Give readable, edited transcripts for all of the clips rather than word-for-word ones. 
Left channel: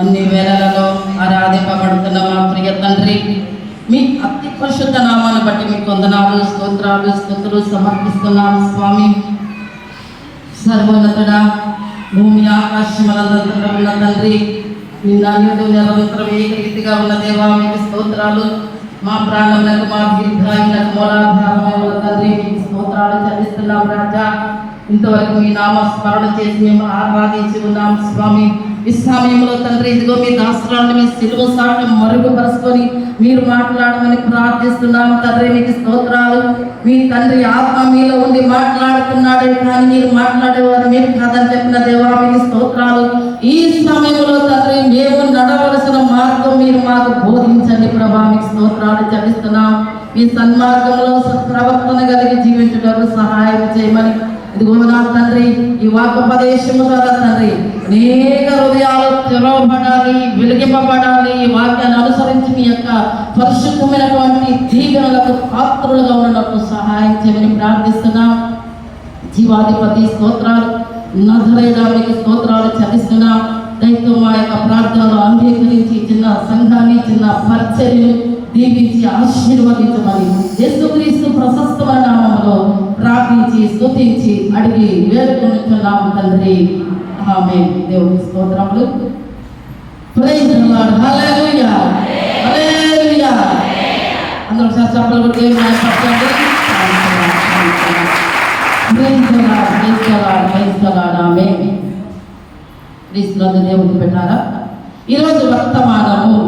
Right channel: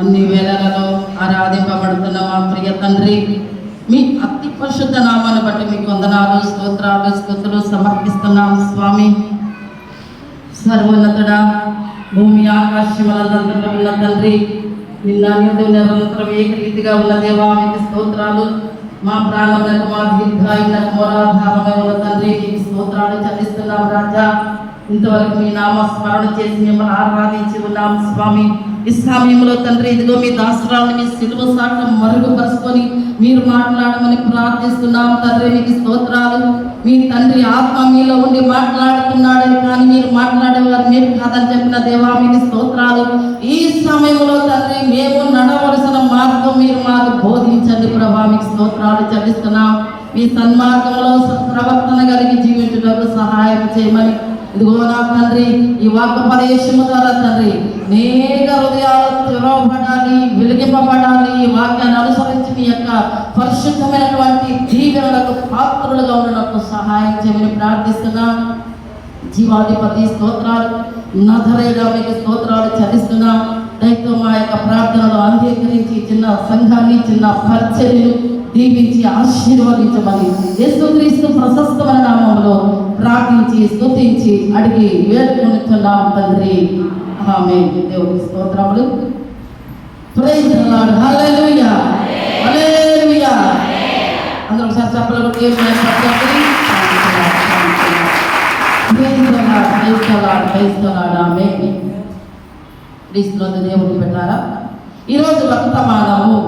అన్ని వేళలలో ఆరాధింపబడుతున్న మా ప్రియ తండ్రి, మీ అతి పరిశుద్ధ నామాన్ని బట్టి మీకు వందనాలు, స్తోత్రాలు, స్తుతులు సమర్పిస్తున్నాం స్వామి. సర్వోన్నతుడా, భూమి ఆకాశములందు ఉన్న తండ్రి, నిన్న నిరంతరం ఏకరీతిగా ఉన్న దేవా మీకు స్తోత్రాలు. మా ప్రాణములకు, మా దీర్ఘాయులకు మూలాధారమై ఉన్న తండ్రి మీకు స్తోత్రాలు చెల్లిస్తున్నాం రాజా. ఇంతవరకు మీ నామ స్మరణ చేసి మేము ఆరాధించి ఉన్నాం స్వామి. ఈ సమయంలో తండ్రి, ఇదిగో మీ దాసరాలను మీ సిలువ సాట మరుగుపరుచుకొని మీరు మాట్లాడమని ప్రార్థిస్తున్నాం తండ్రి. మీకు స్తోత్రాలు. మీ తండ్రి ఆత్మ మీలో ఉండి మాట్లాడుతున్నాడే కానీ మీరు మాట్లాడేవారు మేము కాదని చెప్పిన దేవా మీకు స్తోత్రాలు. ఈ సమయంలో తండ్రి, మేము నడవలసిన మార్గం మీరు మాకు బోధించండి ప్రభా. మీకు స్తోత్రాలు చెల్లిస్తున్నాం. మీ సన్మార్గంలో ప్రవర్తన కలిగి జీవించడం సహాయం చేయమని, ఇదిగో నా తండ్రి, ఈ వాక్యోపదేశము ద్వారా తండ్రి అనేక హృదయాలు తెరవబడాలి, వెలిగింపబడాలి. ఈ వాక్యాన్ని అనుసరించి మీ యొక్క పరిశుద్ధమైనటువంటి దీవెనలకు పాత్రులుగా ఉండడానికి సహాయం చేయమని ప్రార్థిస్తున్నాం. జీవాధిపతి స్తోత్రాలు, నజరేయుడా మీకు స్తోత్రాలు చెల్లిస్తున్నాం. దయతో మా యొక్క ప్రార్థనలు అంగీకరించి చిన్న సంఘాన్ని, చిన్న పరిచర్యలు దీవించి ఆశీర్వదించమని యేసుక్రీస్తు ప్రశస్తమైన నామములో ప్రార్థించి స్తుతించి అడిగి వేడుకుంటున్నాం తండ్రి. ఆమేన్. దేవుని స్తోత్రములు. Praise the Lord. హల్లెలూయా, హల్లెలూయా. అందరూ ఒకసారి చప్పట్లు కొట్టి దేవుని స్తుతించండి. Praise the Lord, praise the Lord, praise the Lord. ఆమేన్. క్రీస్తునందు దేవుని పెట్టారా. ఈరోజు వర్తమానము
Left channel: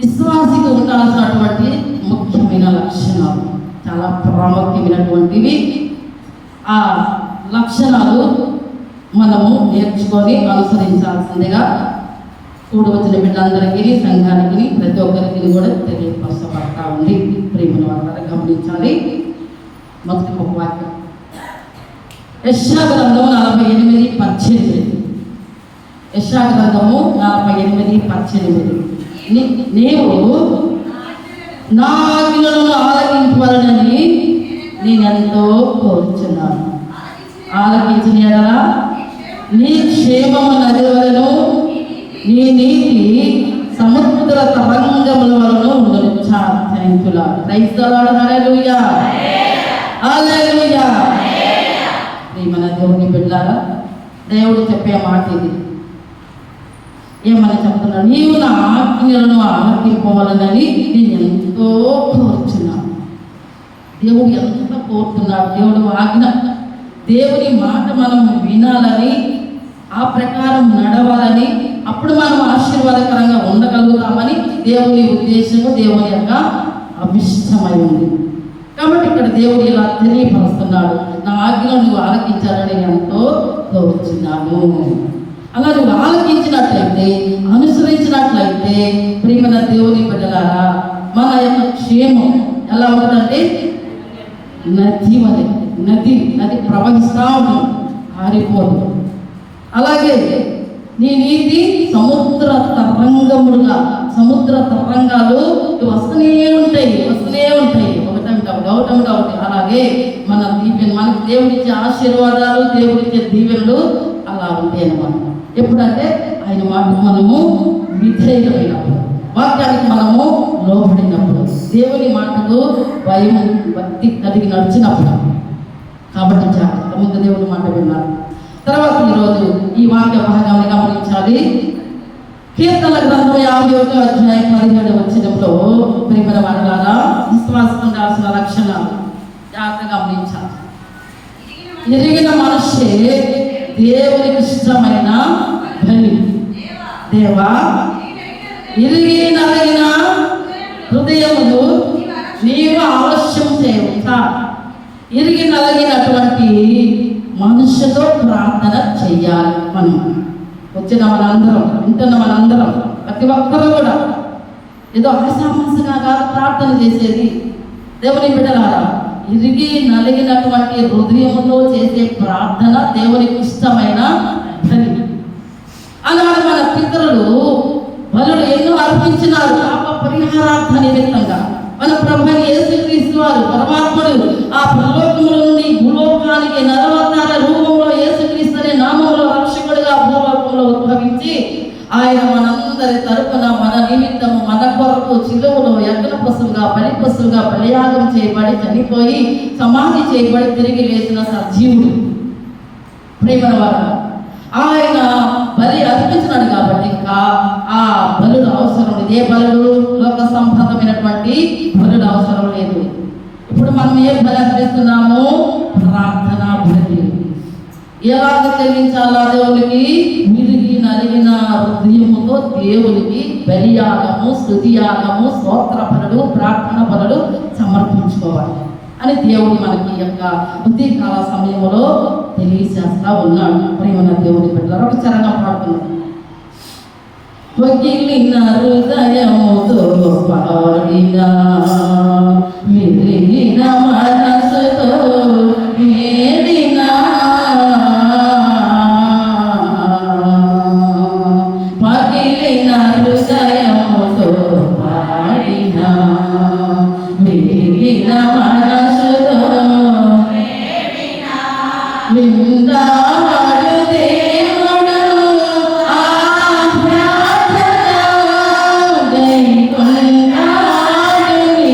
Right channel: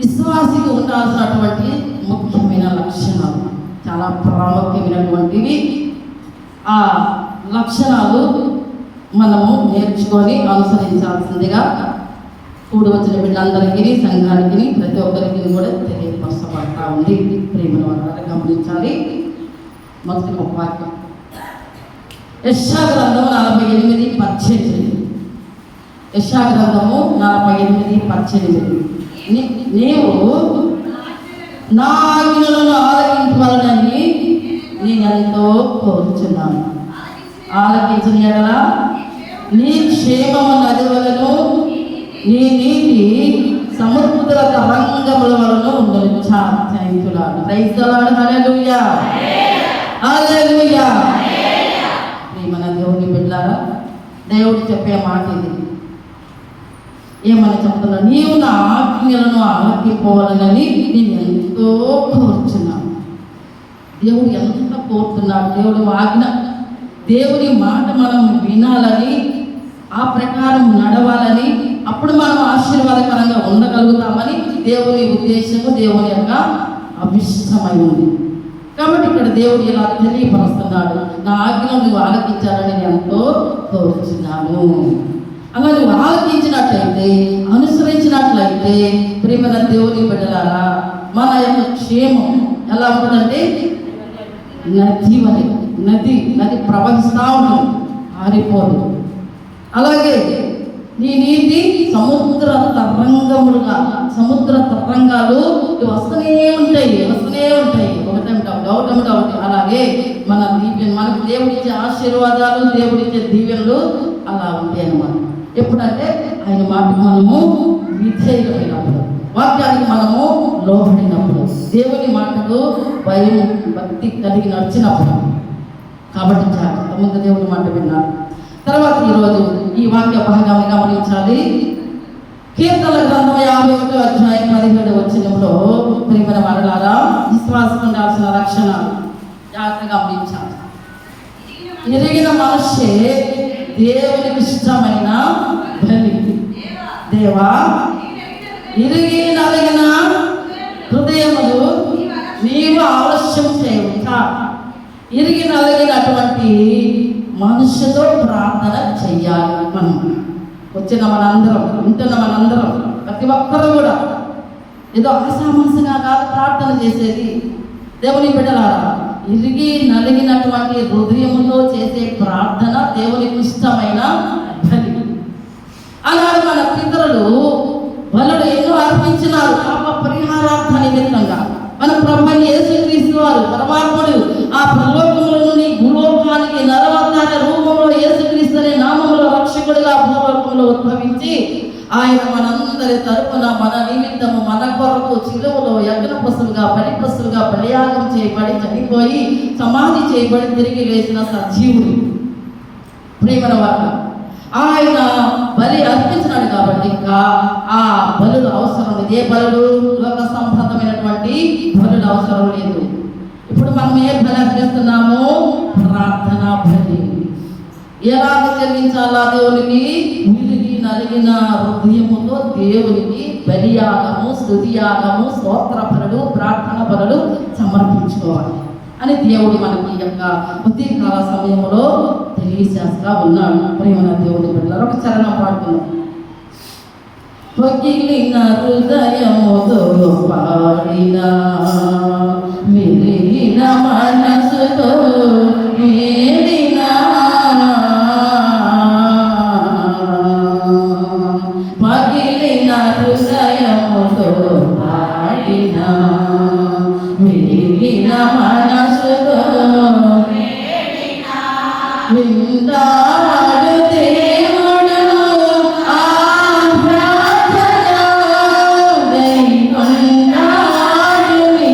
విశ్వాసికి ఉండాల్సినటువంటి ముఖ్యమైన లక్షణాలు, చాలా ప్రాముఖ్యమైనటువంటివి. ఆ లక్షణాలు మనము నేర్చుకొని అనుసరించాల్సిందిగా కూడి వచ్చిన బిడ్డలందరికీ, సంఘానికి, ప్రతి ఒక్కరికి కూడా తెలియపరచబడతా ఉంది. ప్రేమను అందరూ గమనించాలి. మొదటి ఒక వాక్యం, యెషయా గ్రంథము 48:18. యెషయా గ్రంథము 48:18. నీవు నా ఆజ్ఞలను ఆలకించవలనని నేనెంతో కోరుచున్నాను. ఆలకించిన ఎడల నీ క్షేమము నదివలను, నీ నీతి సముద్ర తరంగముల వలన ఉండను. థాంక్యూ. Praise the Lord. హల్లెలూయా, హల్లెలూయా. ప్రియమైన దేవుని బిడ్డలారా, దేవుడు చెప్పే మాట ఇది. ఏమని చెప్తున్నా, నీవు నా ఆజ్ఞలను ఆలకింపవలనని నేను ఎంతో కోరుచున్నాను. దేవుడు ఎంత కోరుతున్నాడు. దేవుడు ఆజ్ఞ, దేవుని మాట మనం వినాలని, ఆ ప్రకారం నడవాలని, అప్పుడు మనం ఆశీర్వాదకరంగా ఉండగలుగుతామని దేవుని ఉద్దేశము, దేవుని యొక్క అభిష్టమై ఉంది. కాబట్టి ఇక్కడ దేవుడు ఇలా తెలియపరుస్తున్నాడు, నా ఆజ్ఞలను నువ్వు ఆలకించాలని నేను ఎంతో కోరుచున్నాను. అలా నువ్వు ఆలకించినట్లయితే, అనుసరించినట్లయితే ప్రియమైన దేవుని బిడ్డలారా, మన యొక్క క్షేమం ఎలా ఉంటుందంటే నది వలె, నది ప్రవహిస్తూ ఉంటుంది, ఆరిపోదు. అలాగే నీ నీతి సముద్ర తరంగములుగా, సముద్ర తరంగాలు వస్తూనే ఉంటాయి. ఒకటి అలాగే మన దీవెన, మనకు దేవుడిచ్చే ఆశీర్వాదాలు, దేవుడిచ్చే దీవెనలు అలా ఉంటాయి అన్నమాట. ఎప్పుడంటే ఆయన మాటకు మనము విధేయులమైనప్పుడు, వాక్యానికి మనము లోబడినప్పుడు, దేవుని మాటకు భయం భక్తి కలిగి నడిచినప్పుడు. కాబట్టి జాగ్రత్త, ముందు దేవుని మాట విన్నారు. తర్వాత ఈరోజు ఈ వాక్య భాగాన్ని గమనించాలి. కీర్తన గ్రంథం 51:17 ప్రియమైన వారలారా, విశ్వాసం ఉండాల్సిన లక్షణాలు జాగ్రత్తగా గమనించాలి. ఎరిగిన మనిషే దేవునికి ఇష్టమైన బలి. దేవా, ఇరిగి నలిగిన హృదయములు నీవు ఆలస్యం చేయవచ్చా? ఇరిగి నలిగినటువంటి మనుషుతో ప్రార్థన చెయ్యాలి. మనం వచ్చిన మనందరం, వింటున్న మనందరం, ప్రతి ఒక్కరూ కూడా ఏదో ఆశామాసగా కాదు ప్రార్థన చేసేది. దేవుని బిడ్డలారా, ఇరిగి నలిగినటువంటి హృదయముతో చేసే ప్రార్థన దేవునికి ఇష్టమైన బలి. అలాగే మన పితరులు బలులు ఎన్నో అర్పించినారు పాప పరిహారార్థ నిమిత్తంగా. మన ప్రభువైన యేసుక్రీస్తు వారు పరమాత్ముడు ఆ పరలోకముల నుండి భూలోకానికి నరవతార రూపంలో యేసుక్రీస్తు అనే నామములో రక్షకుడిగా భూలోకంలో ఉద్భవించి ఆయన మనందరి తరపున మన నిమిత్తము మన కొరకు చిలువలో యజ్ఞ పశువుగా బలి పశువుగా బలియాగం చేయబడి చనిపోయి సమాధి చేయబడి తిరిగి లేచిన సజీవుడు ప్రేమల వారు. ఆయన బలి అర్పించినాడు కాబట్టి ఇంకా ఆ బలులు అవసరం లేదు. ఏ బలులు లోక సంబంధమైనటువంటి బలులు అవసరం లేదు. ఇప్పుడు మనం ఏ బలి అర్పిస్తున్నాము? ప్రార్థన బలి. ఎలాగ చెల్లించాలా దేవునికి? విరిగి నలిగిన హృదయముతో దేవునికి బలియాగము, స్తుతియాగము, స్తోత్ర బలులు, ప్రార్థన బలులు సమర్పించుకోవాలి అని దేవుడు మనకి యొక్క ఉదయకాల సమయంలో తెలియజేస్తా ఉన్నాడు. ప్రేమన దేవుడి బిడ్డలారా, ఒక చరణం పాడుకున్నాం. పగిలిన హృదయముతో పాడిన మిగిలిన మనసుతో మేలిన పగిలిన హృదయముతో పాడిన మిగిలిన మనసుతో విందాడు దేవుడు ఆ ప్రార్థన దైవన్నాడు నీ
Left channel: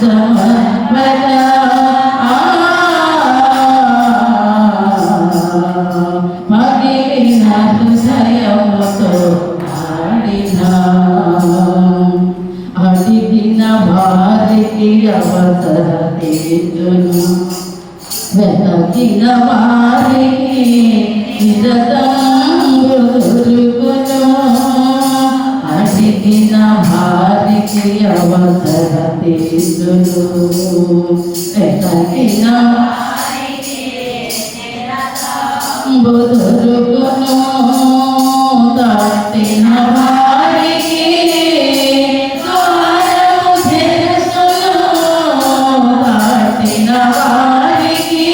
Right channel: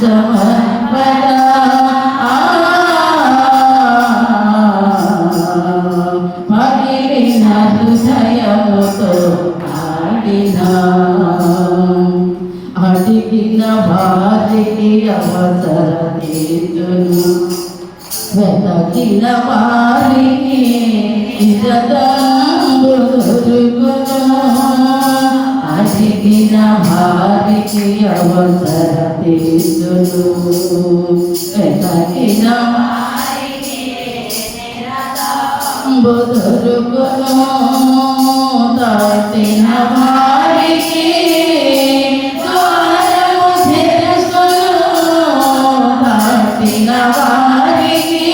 సమర్పణ. పగిలిన హృదయముతో ఆడిన అడిగిన వారికి అవసరతేజును వెతకిన వారికి ఇరదంబు దొరుకును. అడిగిన వారికి అవసరతేజును వెతకిన వారికి ఇరదంబు దొరుకును. దాటిన వారికి దాటిన వారికి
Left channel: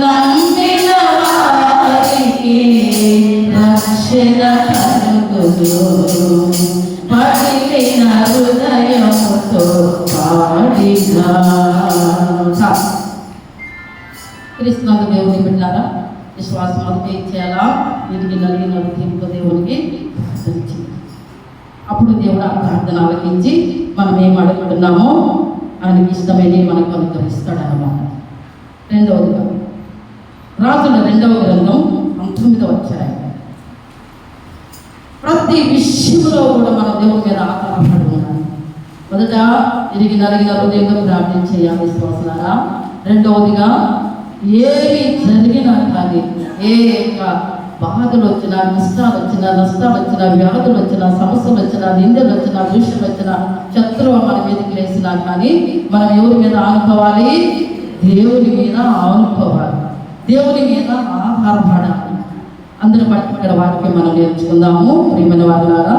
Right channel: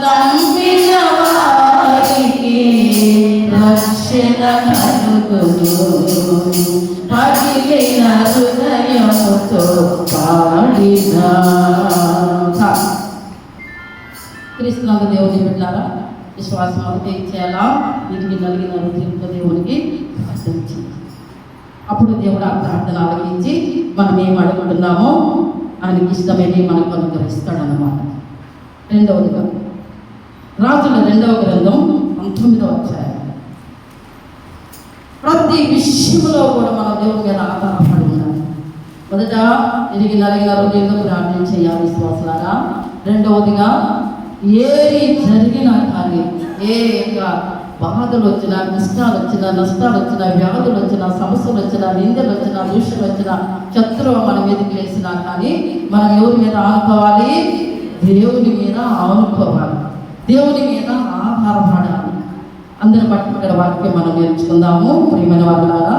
నమ్మిన వారికి రక్షణ కలుగును. పగిలిన హృదయముతో పాడిన. క్రీస్తునందు దేవుని బిడ్డలారా, విశ్వాసం అంతా ఇచ్చేలా విరిగి నలిగిన హృదయంతో దేవునికి ప్రార్థించింది. అప్పుడు దేవుడు ఆ ప్రార్థన ఆలకించి మనం ఏం అడుగుతున్నామో ఆయనకి ఇష్టమేది మనకు అనుగ్రహిస్తాడనమాట. రెండవదిగా రాజుల 2వ గ్రంథం 19వ అధ్యాయం. ప్రతి విషయంలో కూడా మనం దేవుని మీద ఆధారపడి ఉండాలి. మొదట తిరిగి నలిగిన హృదయంగా ప్రార్థన చేయాలి విశ్వాసారా. రెండవదిగా ఏమి జరిగినా కానీ ఏ బాధలు వచ్చినా, కష్టాలు వచ్చినా, నష్టాలు వచ్చినా, వ్యాధులు వచ్చినా, సమస్యలు వచ్చినా, నిందలు వచ్చినా, దూషణలు వచ్చినా, శత్రువు మన మీదకి లేచినా కానీ మనం ఎవరి మీద ఆనుకోవాలి? దేవుని మీద ఆనుకోవాలి, దేవుని మీద ఆధారపడాలి. అందరి బట్టి ఇక్కడ వాక్యం మనం నేర్చుకుందాము. ప్రియమైన వారులారా,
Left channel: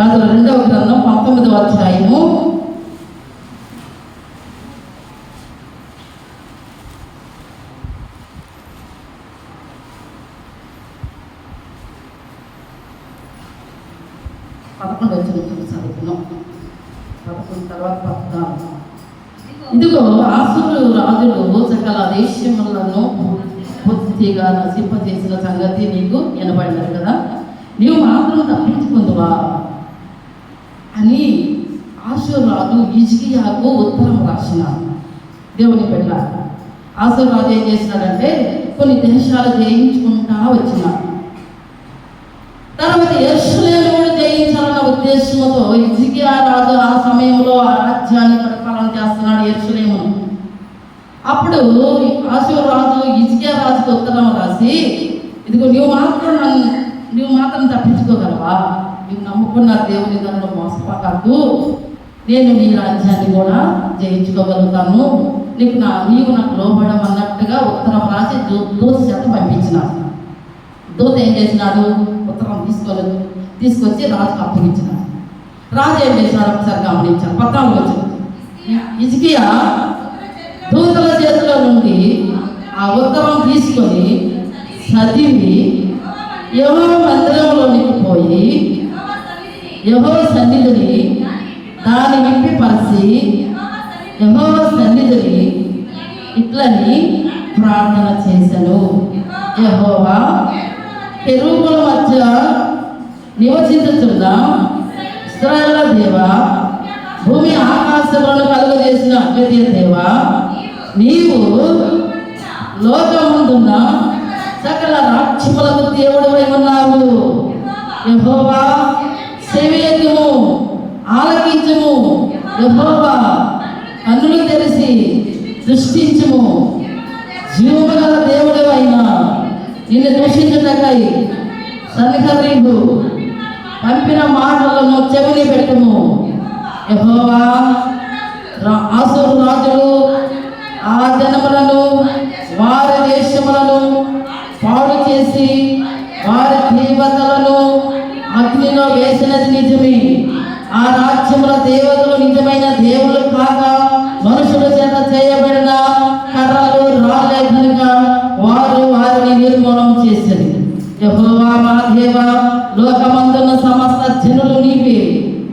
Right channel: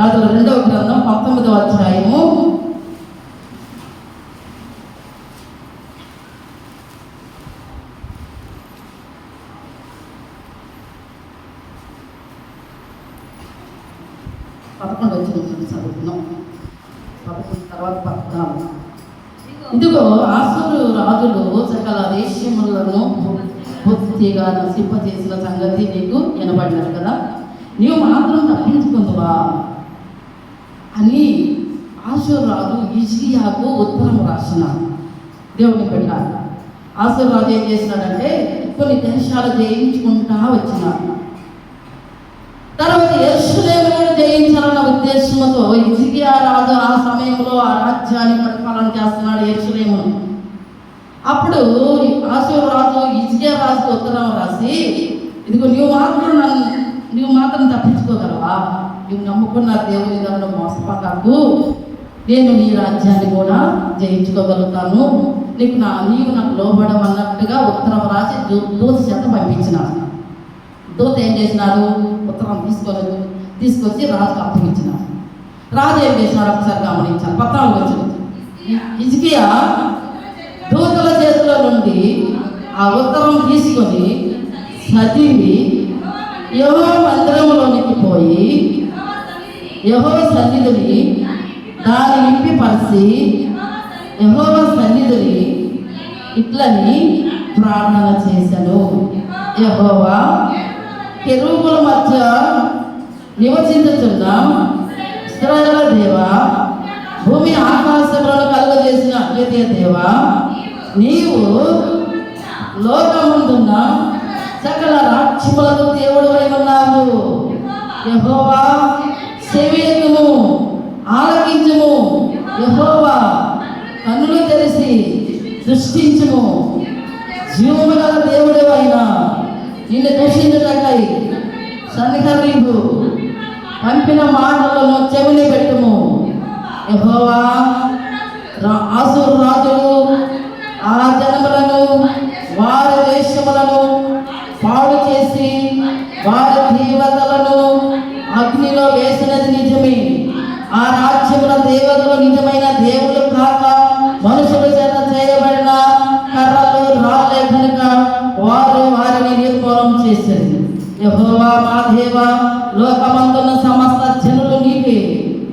రాజుల 2వ గ్రంథం 19వ అధ్యాయము 11వ వచనం చదువుతున్నాం. 11 తర్వాత 14. ఇదిగో అసురు రాజులు సకల దేశములను పూర్తిగా నశింపజేసిన సంగతి నీకు వినబడినారు కదా, నీవు మాత్రం తప్పించుకుందువా అని అసురు రాజు హిజ్కియాకు ఉత్తరం రాసినాడు. దేవుని బిడ్డ, అసురు రాజు ఏం చేసినాడంటే కొన్ని దేశాలు జయించుకుంటా వచ్చినాడు. తర్వాత యెరూషలేము జయించాలన్న ఉద్దేశంతో హిజ్కియా రాజు ఆ సమయంలో ఆ రాజ్యాన్ని పరిపాలన చేస్తున్నాడు, యెరూషలేమును. అప్పుడు అషూరు రాజు హిజ్కియా రాజుకు ఉత్తరం రాసి, ఇదిగో నీవు మాత్రం తప్పించుకోగలవా? నీవు నమ్ముకున్న దేవుని దగ్గర మోసపోకాకు, నేను నీ రాజ్యాన్ని కూడా జయించుకోగలుగుతాను, నీవు నాకు లోబడమన్నట్టుగా ఉత్తరం రాసి దూత చేత పంపించినాడు. దూత ఏం చేసినాడు? ఉత్తరం తీసుకొచ్చి రాజుకు అప్పగించినాడు. రాజు ఏం చేసినాడు? ఒకసారి గమనించాడు. 14వ వచనం. హిజ్కియా దూతల చేతిలో నుండి ఆ ఉత్తరం తీసుకొని చదివి యెహోవా మందిరంలోనికి పోయి యెహోవా సన్నిధిని దాన్ని విప్పిపరిచి యెహోవా సన్నిధిని ఇట్లని ప్రార్థన చేశాను. యెహోవా కెరూబుల మధ్య నివసించుతున్న ఇశ్రాయేలు దేవా, భూమి ఆకాశములను కలుగజేసిన అద్వితీయ దేవా, నీవు లోకముందున్న సకల రాజ్యములకు దేవుడవై ఉన్నావు. యెహోవా చెవియొగ్గుము, ఆలకించుము. యెహోవా కన్నులు తెరిచి దృష్టించుము. జీవము గల దేవుడవైనా నిన్ను దూషించుటకై సన్నిహరింపు, పంపిన మాటలను చెవిని పెట్టుము. యెహోవా అసురు రాజులు ఆ జనములను వారి దేశములను పాడు చేసి వారి దేవతలను అగ్నిలో వేసినది నిజమే. ఆ రాజ్యముల దేవతలు నిజమైన దేవుళ్ళు కాక మనుషుల చేత చేయబడిన కర్రలు రాళ్ళే కనుక వారు వారిని నిర్మూలం చేసింది. యెహోవా మా దేవా, లోకమందున్న సమస్త జనులు నీవే,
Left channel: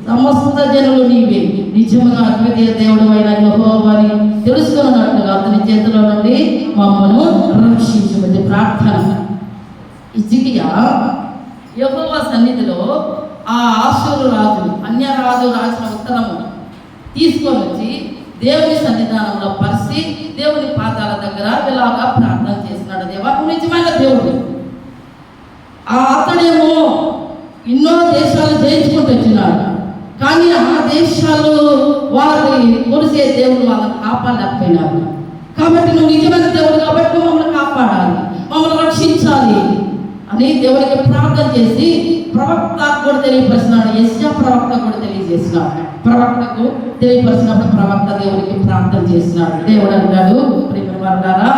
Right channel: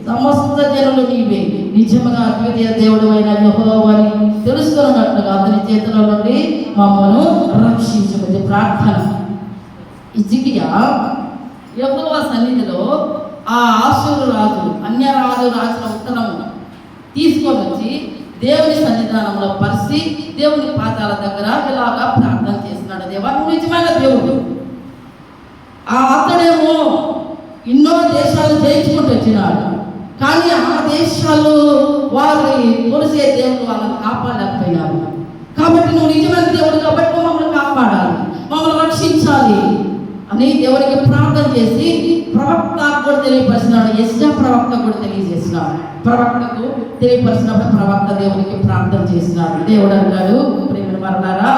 సమస్త జనులు నీవే. నిజముగా అద్వితీయ దేవుడు అయిన యెహోవాని తెలుసుకున్నట్లుగా అతని చేతిలో నుండి మమ్మను రక్షించుకుంది. ప్రార్థన. హిజ్కియా యెహోవా సన్నిధిలో ఆ ఆషూరు రాజు అన్యరాజు రాసిన ఉత్తరము తీసుకొని వచ్చి దేవుని సన్నిధానంలో పరిచి దేవుని పాదాల దగ్గర ఇలాగా ప్రార్థన చేస్తున్నాడు. దేవా, నువ్వు నిజమైన దేవుడు. అతడేమో ఎన్నో దేశాలు జయించుకుంటూ వచ్చినాడు, కానీ ఆ దేశాల్లో వారి కొలిసే దేవుడు వాళ్ళని కాపాడలేకపోయినారు. కాబట్టి నువ్వు నిజమైన దేవుడు కాబట్టి మమ్మల్ని కాపాడాలి, మమ్మల్ని రక్షించాలి అని దేవునికి ప్రార్థన చేసి ప్రవక్త కూడా తెలియపరిచినాడు. యెషయా ప్రవక్త కూడా తెలియజేసినాడు. ప్రవక్తకు తెలియపరిచినప్పుడు ప్రవక్త దేవునికి ప్రార్థన చేసినాడు. దేవుడు అన్నాడు, ప్రియమైన వారలారా,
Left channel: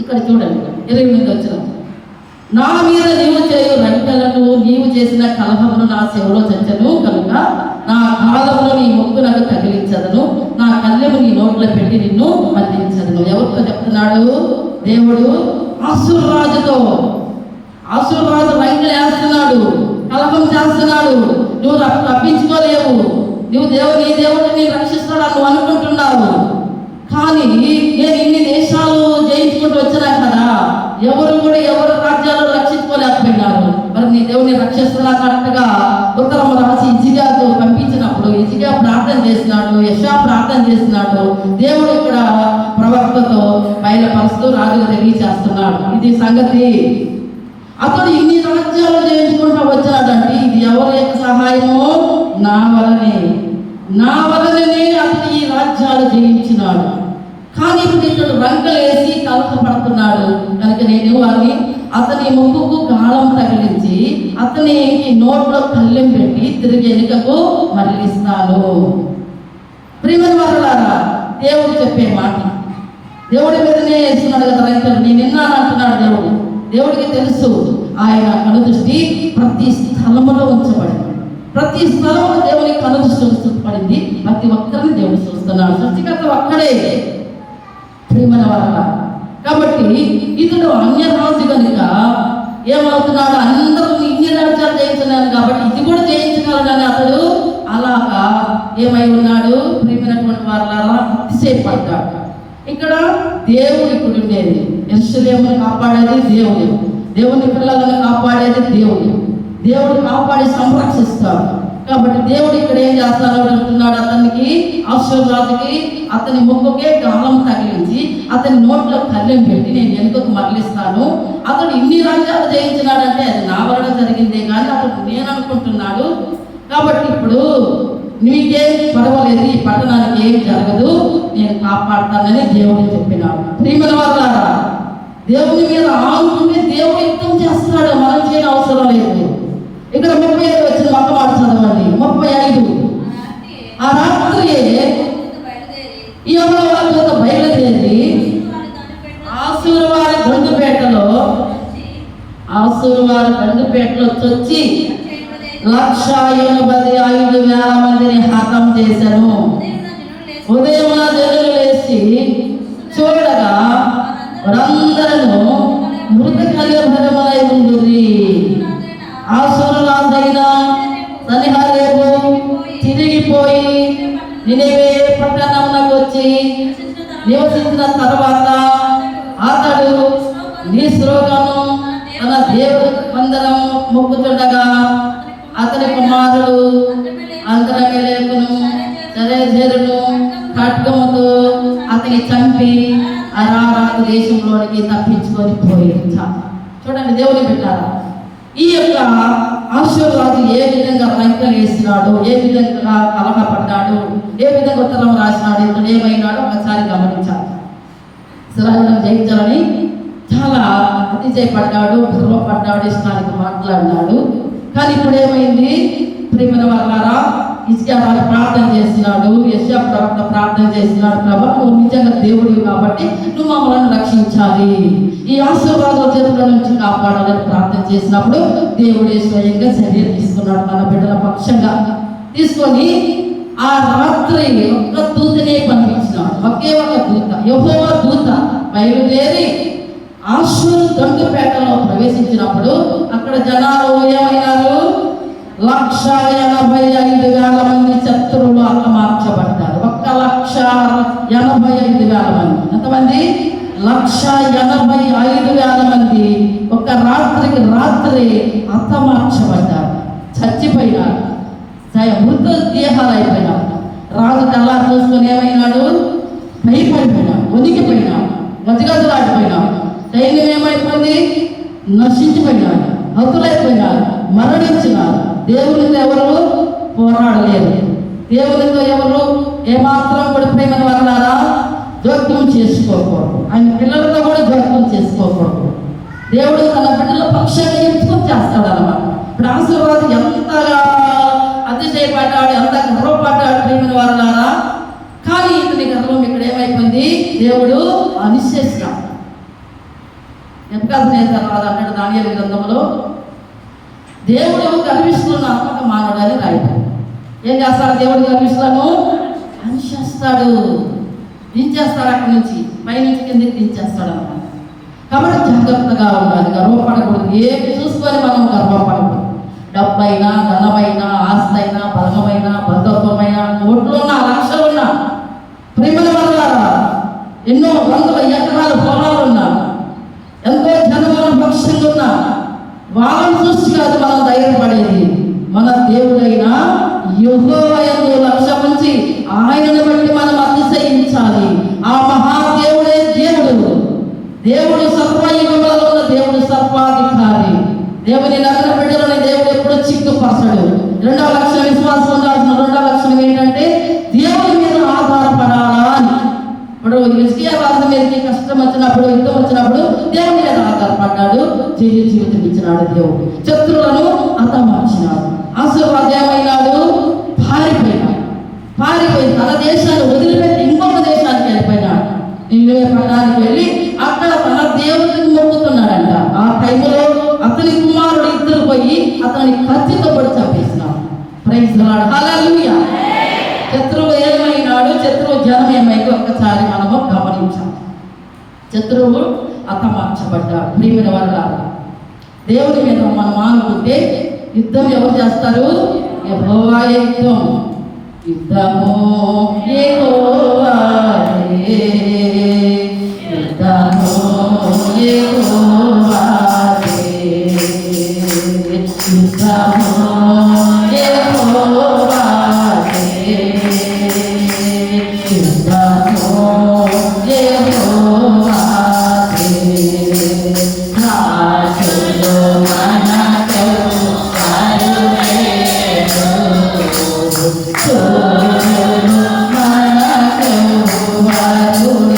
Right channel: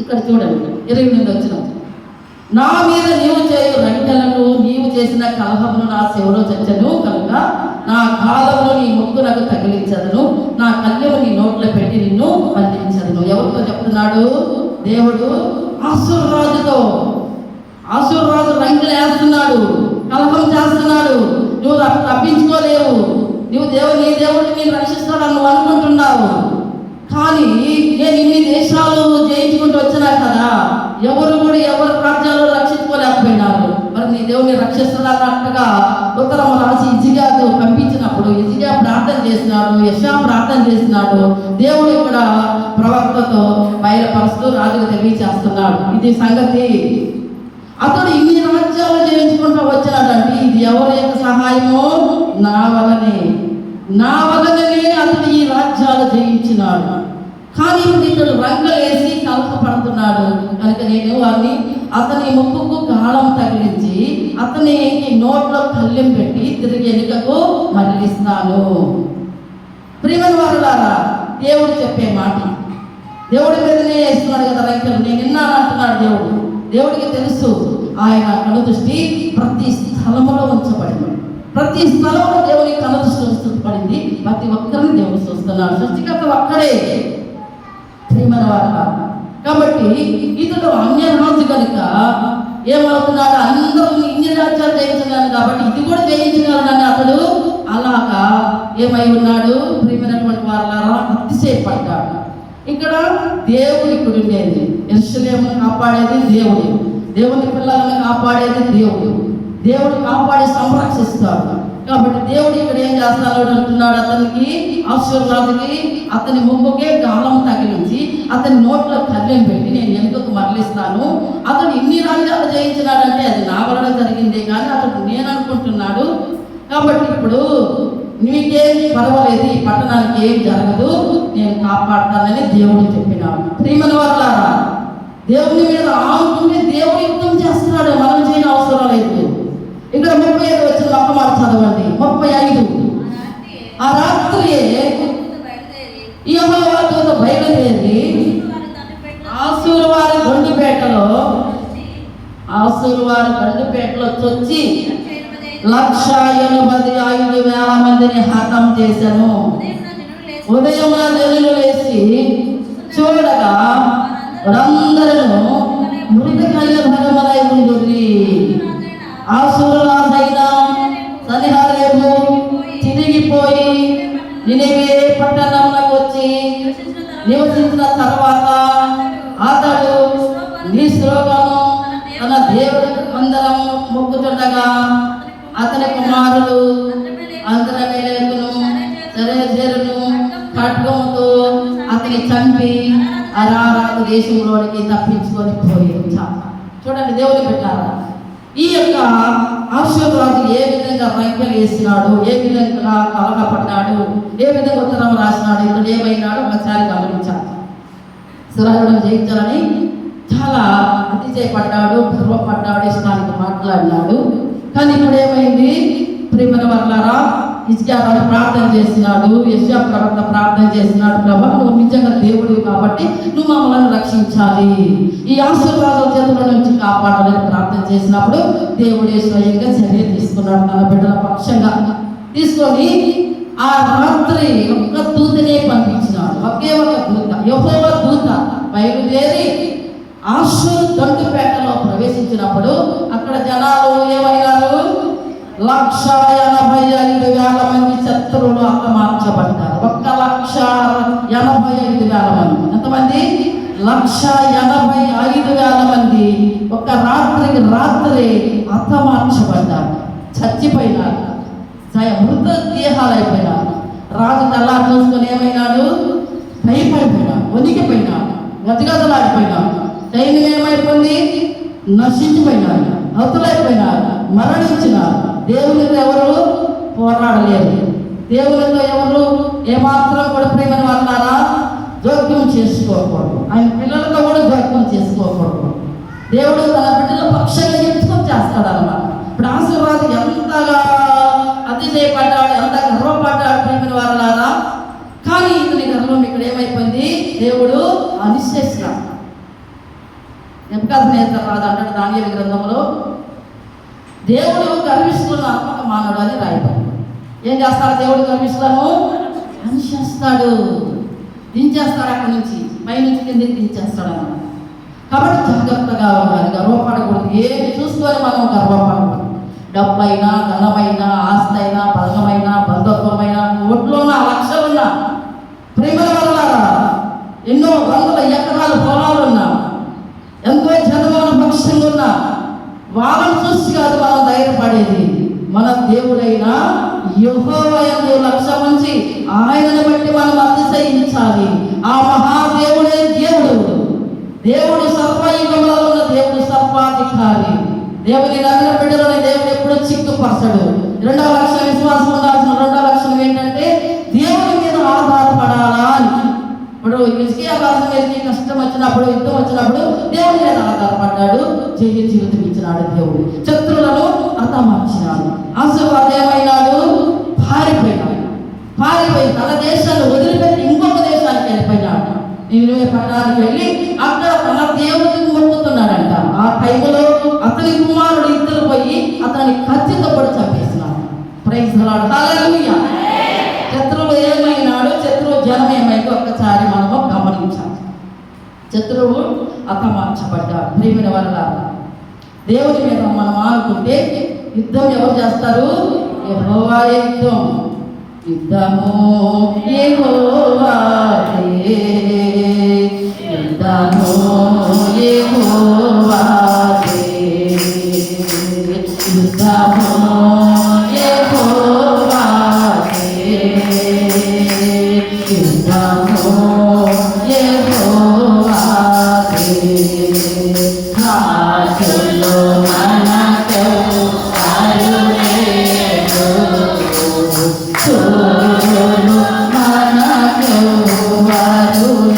ఇక్కడ చూడండి 28 వచ్చిన, నా మీద నీవు చేయు రంకెలను నీవు చేసిన కలహమును నా చెవులో చచ్చను కనుక నా కాలంలో నీ ముక్కునకు తగిలించదను, నా కళ్ళెము నీ నోట్లో పెట్టి నిన్ను మళ్లించదను. ఎవరితో చెప్తున్నాడు దేవుడు? అసురు రాజుతో. అసురు రాజు రంకెలు వేస్తున్నాడు, కలహం చేస్తున్నాడు. నువ్వు తప్పించుకోలేవు, నువ్వు నీ దేవుడిని నేను రక్షిస్తాడని నువ్వు అనుకుంటున్నావు. కానీ నేను ఇన్ని దేశాలు జయించుకుంటూ వచ్చినా కదా, ఎవరు రాజ్యాలు రక్షించుకోలేకపోయినారు. మరి నీ దేవుని రక్షిస్తున్నా కరెక్ట్గా ఉత్తరము రాసి హిజ్కియాకు పంపించినప్పుడు హిజ్కియా ప్రార్థన చేసినాడు, యెషయా ప్రార్థన చేసినాడు. దేవుడు ఇక్కడ ప్రవక్తతో బయలుపరుస్తూ రాజుకు తెలియచేస్తున్నాడు. ఇది సంగతి. అతడు ఇన్ని రాజ్యాలు జయించుకుంటూ వచ్చినాడంటే ఇది ఎవరి యొక్క సహాయము? నా వలనే అతడు ఈ రాజ్యాలు జయించినాడు. కానీ ఇప్పుడు ఇతడు రంగలేసి కలహపడుతున్నాడు కనుక నేను వారిని అతని ముక్కుకు గాలం తగిలించి అతని నోట్లో కళ్ళెం పెట్టి తిరిగి వెనుకకు మళ్ళిస్తాను. ప్రియమైన వారలారా, దేవుడు చెప్పే మాట, దేవుడి మీదనే వేస్తున్నాడు కదా రైతులు. నేను విన్నాను అంటున్నాడు దేవుడికి తెలుసు. ఆయన కనుదృష్టి ప్రతి స్థలములో ఉంచబడింది. ప్రతి స్థలంలో దేవుని కనుదృష్టి ఉంచబడింది. ప్రతి ఒక్కరిని దేవుడు చూస్తున్నాడు. సృష్టికర్త ఒక్కడే. ప్రియమైన వారలారా, కాబట్టి ఇతడు అన్యరాజు కనుక ఏమవుతున్నాడు? అందరూ ఇన్ని రాజ్యాలు జయించినాను కాబట్టి ఇది కూడా జయించగలనని అతడు అలాగా ఏమై ఉన్నాడు? ప్రియమైనటువంటి వారలారా, అతిశయపడ్డాడు. ఇక్కడ దేవుడు ఇక్కడ ఉండేది, యెరూషలేమును కాపాడేది దేవుడు, దేవుని పిల్లలను కాపాడేది దేవుడు కాపాడి సంరక్షిస్తాడు. కాబట్టి దేవుడు ఇక్కడ ఏం చేస్తాడు అంటున్నాడు, అతనికి అషూరు రాజుకి అతని ముక్కుకే గాలం తగిలించి అతని నోట్లో కళ్ళెం పెట్టి నేను వెనుకకు మరలిస్తాను. అతడు ఇన్ని రాజ్యాలు జయించినాడంటే అది నా వలన జరిగిందే కానీ అతడు నేను అనుకుంటున్నాడు. కాబట్టి ఇప్పుడు నీకేం పర్వాలేదు, ఈ పట్టణానికి ఏం జరగదు, నేను కాపాడుతానని దేవుడు చెప్పినాడు. ప్రియమైన వారలారా, దేవుని మీద ఆనుకుంటే దేవుడు యుద్ధం చేస్తాడు, మనం చేయని అవసరం లేదు. ఇక్కడ 35 వచ్చిన ఒక్క మాట చదవండి. 35 ఆ రాత్రి యెహోవా దూత బయలుదేరి ఆషూరు వారి గండుపేటలో చొచ్చి 185,000 మందిని హతం చేశాను. ఉదయం జనులు లేచి చూడగా వారందరూ మృత కలియుగములై ఉండురి. ఆషూరు రాజైన సన్హెరీబు తిరిగిపోయి నినివే పట్టణంలోకి వచ్చి నివసించిన తర్వాత నీ శ్లోకము తన దేవుడు అందరము మొక్కుతుండగా అతని కుమారుడు అంతరమేలేకును సరేజరును ఖడ్గముతో అతని చంపి అరారాతు దేశంలోనికి తప్పించుకొని పోయింది. చూడండి దేవుని పెట్టారా, ఈ యొక్క ఆశీర్వాదు ఏ విధంగా రంకెలు వేసినాడు, ఏ విధంగా కలహపడ్డాడు, ఏ విధంగా ఉత్తరం రాసినాడు, ఇప్పుడు ఏమైనాడు ఒకసారి గమనించాలి. సురహులను జయించాలని చాలా అతిశయపడ్డాడు, గర్వపడ్డాడు, ఇష్టానికి మాట్లాడినాడు. కానీ ఇప్పుడు ఏమైంది ప్రియమైన వాళ్ళారా, హిజ్కియా ప్రార్థన చేసినాడు, యెషయా ప్రవక్త ప్రార్థన చేసినాడు, ప్రభా నువ్వు నిజంగా దేవుడివి కాబట్టి నువ్వు మమ్మల్ని రక్షించాలి, ఈ ఆశీర్వాదాల చేతుల నుంచి కాపాడాలని ప్రార్థన చేసినప్పుడు దేవుడే స్వయంగా చర్య తీసుకున్నాడు. తన బిడ్డల పక్షంగా తీసుకొని ఆ రాత్రి ఒక్క దూతనే పంపించినాడు. ఒకే ఒక దూత, యెహోవా దూత బయలుదేరి ఆషూరు దండుపేటలో ప్రవేశించినప్పుడు అక్కడ జనాలు ఏమైనారు, 1,85,000 మంది శత్రువులు హతమార్చబడ్డారు. 1,85,000 మంది. ఎంతమంది? 1,85,000 మంది ఒక రాత్రి హతమార్చబడ్డారు, చచ్చిపోయినారు, మృత దేహాలు అయిపోయినారు. రాజు కల్లా చూసుకొని ఏమైనాడు, భయపడిపోయినాడు, ఒదిగిపోయినాడు, గజగజలాడిపోయినాడు. సైన్యం ఏమైపోయింది, నశించిపోయినాడు, హతులైపోయినారు, మరణించినారు. దేవునితో ఎవరు పోరాడలేరు, దేవునితో ఎవరు ఏమాత్రం కూడా ప్రేమ వాళ్ళారా జోక్యం చేసుకోకూడదు, ఆయన పిల్లలతో కూడా జోక్యం చేసుకోకూడదు. దేవుడు తన బిడ్డల పక్షంగా ఎంచుకొని చేస్తాడన్నమాట. ఇప్పుడు ఆశీర్వాదం ఎంతగా అతిశయపడ్డాడు, ఎంత గర్వపడ్డాడు ప్రేమ వాళ్ళారా. కానీ ఇతని గర్వం ఇక్కడ ఏమైపోయింది, దేవుడు అనిశ్చేసినాడు. నెబుకద్నెజరు రాజు అంటాడు దానియేలు గ్రంథంలో, దేవుడు గర్విష్ఠులను ఆత్మక మానవుడు అని రాయడం. ఏం చేస్తాడు దేవుడు గర్విష్ఠులను? అనిచేస్తాడు, దించేస్తాడు, అక్కడి నుంచి పైనుంచి కిందకి దించేస్తాడు అన్నమాట. కాబట్టి జాగ్రత్తగా ఉండాలి, గర్వపడకూడదు. ఏమి చూసుకొని మనం గర్వపడకూడదు. డబ్బైనా, ధనమైనా, ఆస్తి అయినా, బలమైనా, బంధుత్వమైనా, కోట్లున్నా, లక్షలున్నా, ప్రేమల వల్ల ఎన్నో వందల ఎకరాలు పొలాలున్నా, ఎంతో జనముల పక్షులు ఉన్నా, వాళ్ళని చూసి కాదు మనం ధైర్యపడేది. మన దేవుడైన యెహోవా యందు లక్ష్యం ఉంచి ఆయనను బట్టి మనం అతిశయించాలి. ఆ మహాదేవుడే దేవుడు. దేవుడు సర్వయుగములలో ఉన్న దేవుడు, సర్వాధికారి. దేవుని నమ్మిన బిడ్డలని దేవుడు ఎప్పుడూ చిక్కుపరచడు. రెండవ లక్షణం విశ్వాసం ఉండాల్సిన రెండవ లక్షణం ఏంటంటే దేవుని మీద ఆధారపడాలా అని. ఇప్పుడు హిజ్కియా రాజు మీదకి కష్టం వచ్చినప్పుడు, యుద్ధం వచ్చినప్పుడు దేవుని మీద ఆధారపడ్డాడు, జయ జీవితం ఇచ్చినాడు దేవుడు. శత్రువులను హతమార్చినాడు. ఆశీర్వాదం ఏమైనాడు, పారిపోయి తన దేశాన్ని వదిలిపెట్టి ఇంకొక దేశానికి వెళ్ళిపోయినాడు. నినివే పట్టణానికి వెళ్ళి అక్కడ తన దేవుడికి మొక్కుతున్నాడంట. ఆ టైంలో అతని కుమారుడు ఇద్దరు పోయి అతని కత్తితో పొడి చంపేసినాడు. ప్రైజ్ ది లార్డ్, హల్లెలూయా. శత్రువు ఏమైనాడు, శత్రువు జనం ఏమైందో ఒక్కసారి మనము గమనించాలి. శత్రువు హతమార్చబడ్డాడు. ప్రియమైన వారలారా, దేవుని మీద మనం ఆనుకుంటే యుద్ధం ఎవరు చేస్తారు? యెహోవా యుద్ధం. యుద్ధము యెహోవాదే, యుద్ధము యెహోవాదే, యుద్ధము యెహోవాదే, యుద్ధము యెహోవాదే. రాజులు మనకు కరుణేరు, సూర్యులు మనకు వరులేరు. రాజులు మనకు వరులేరు, సూర్యులు మనకు వరులేరు.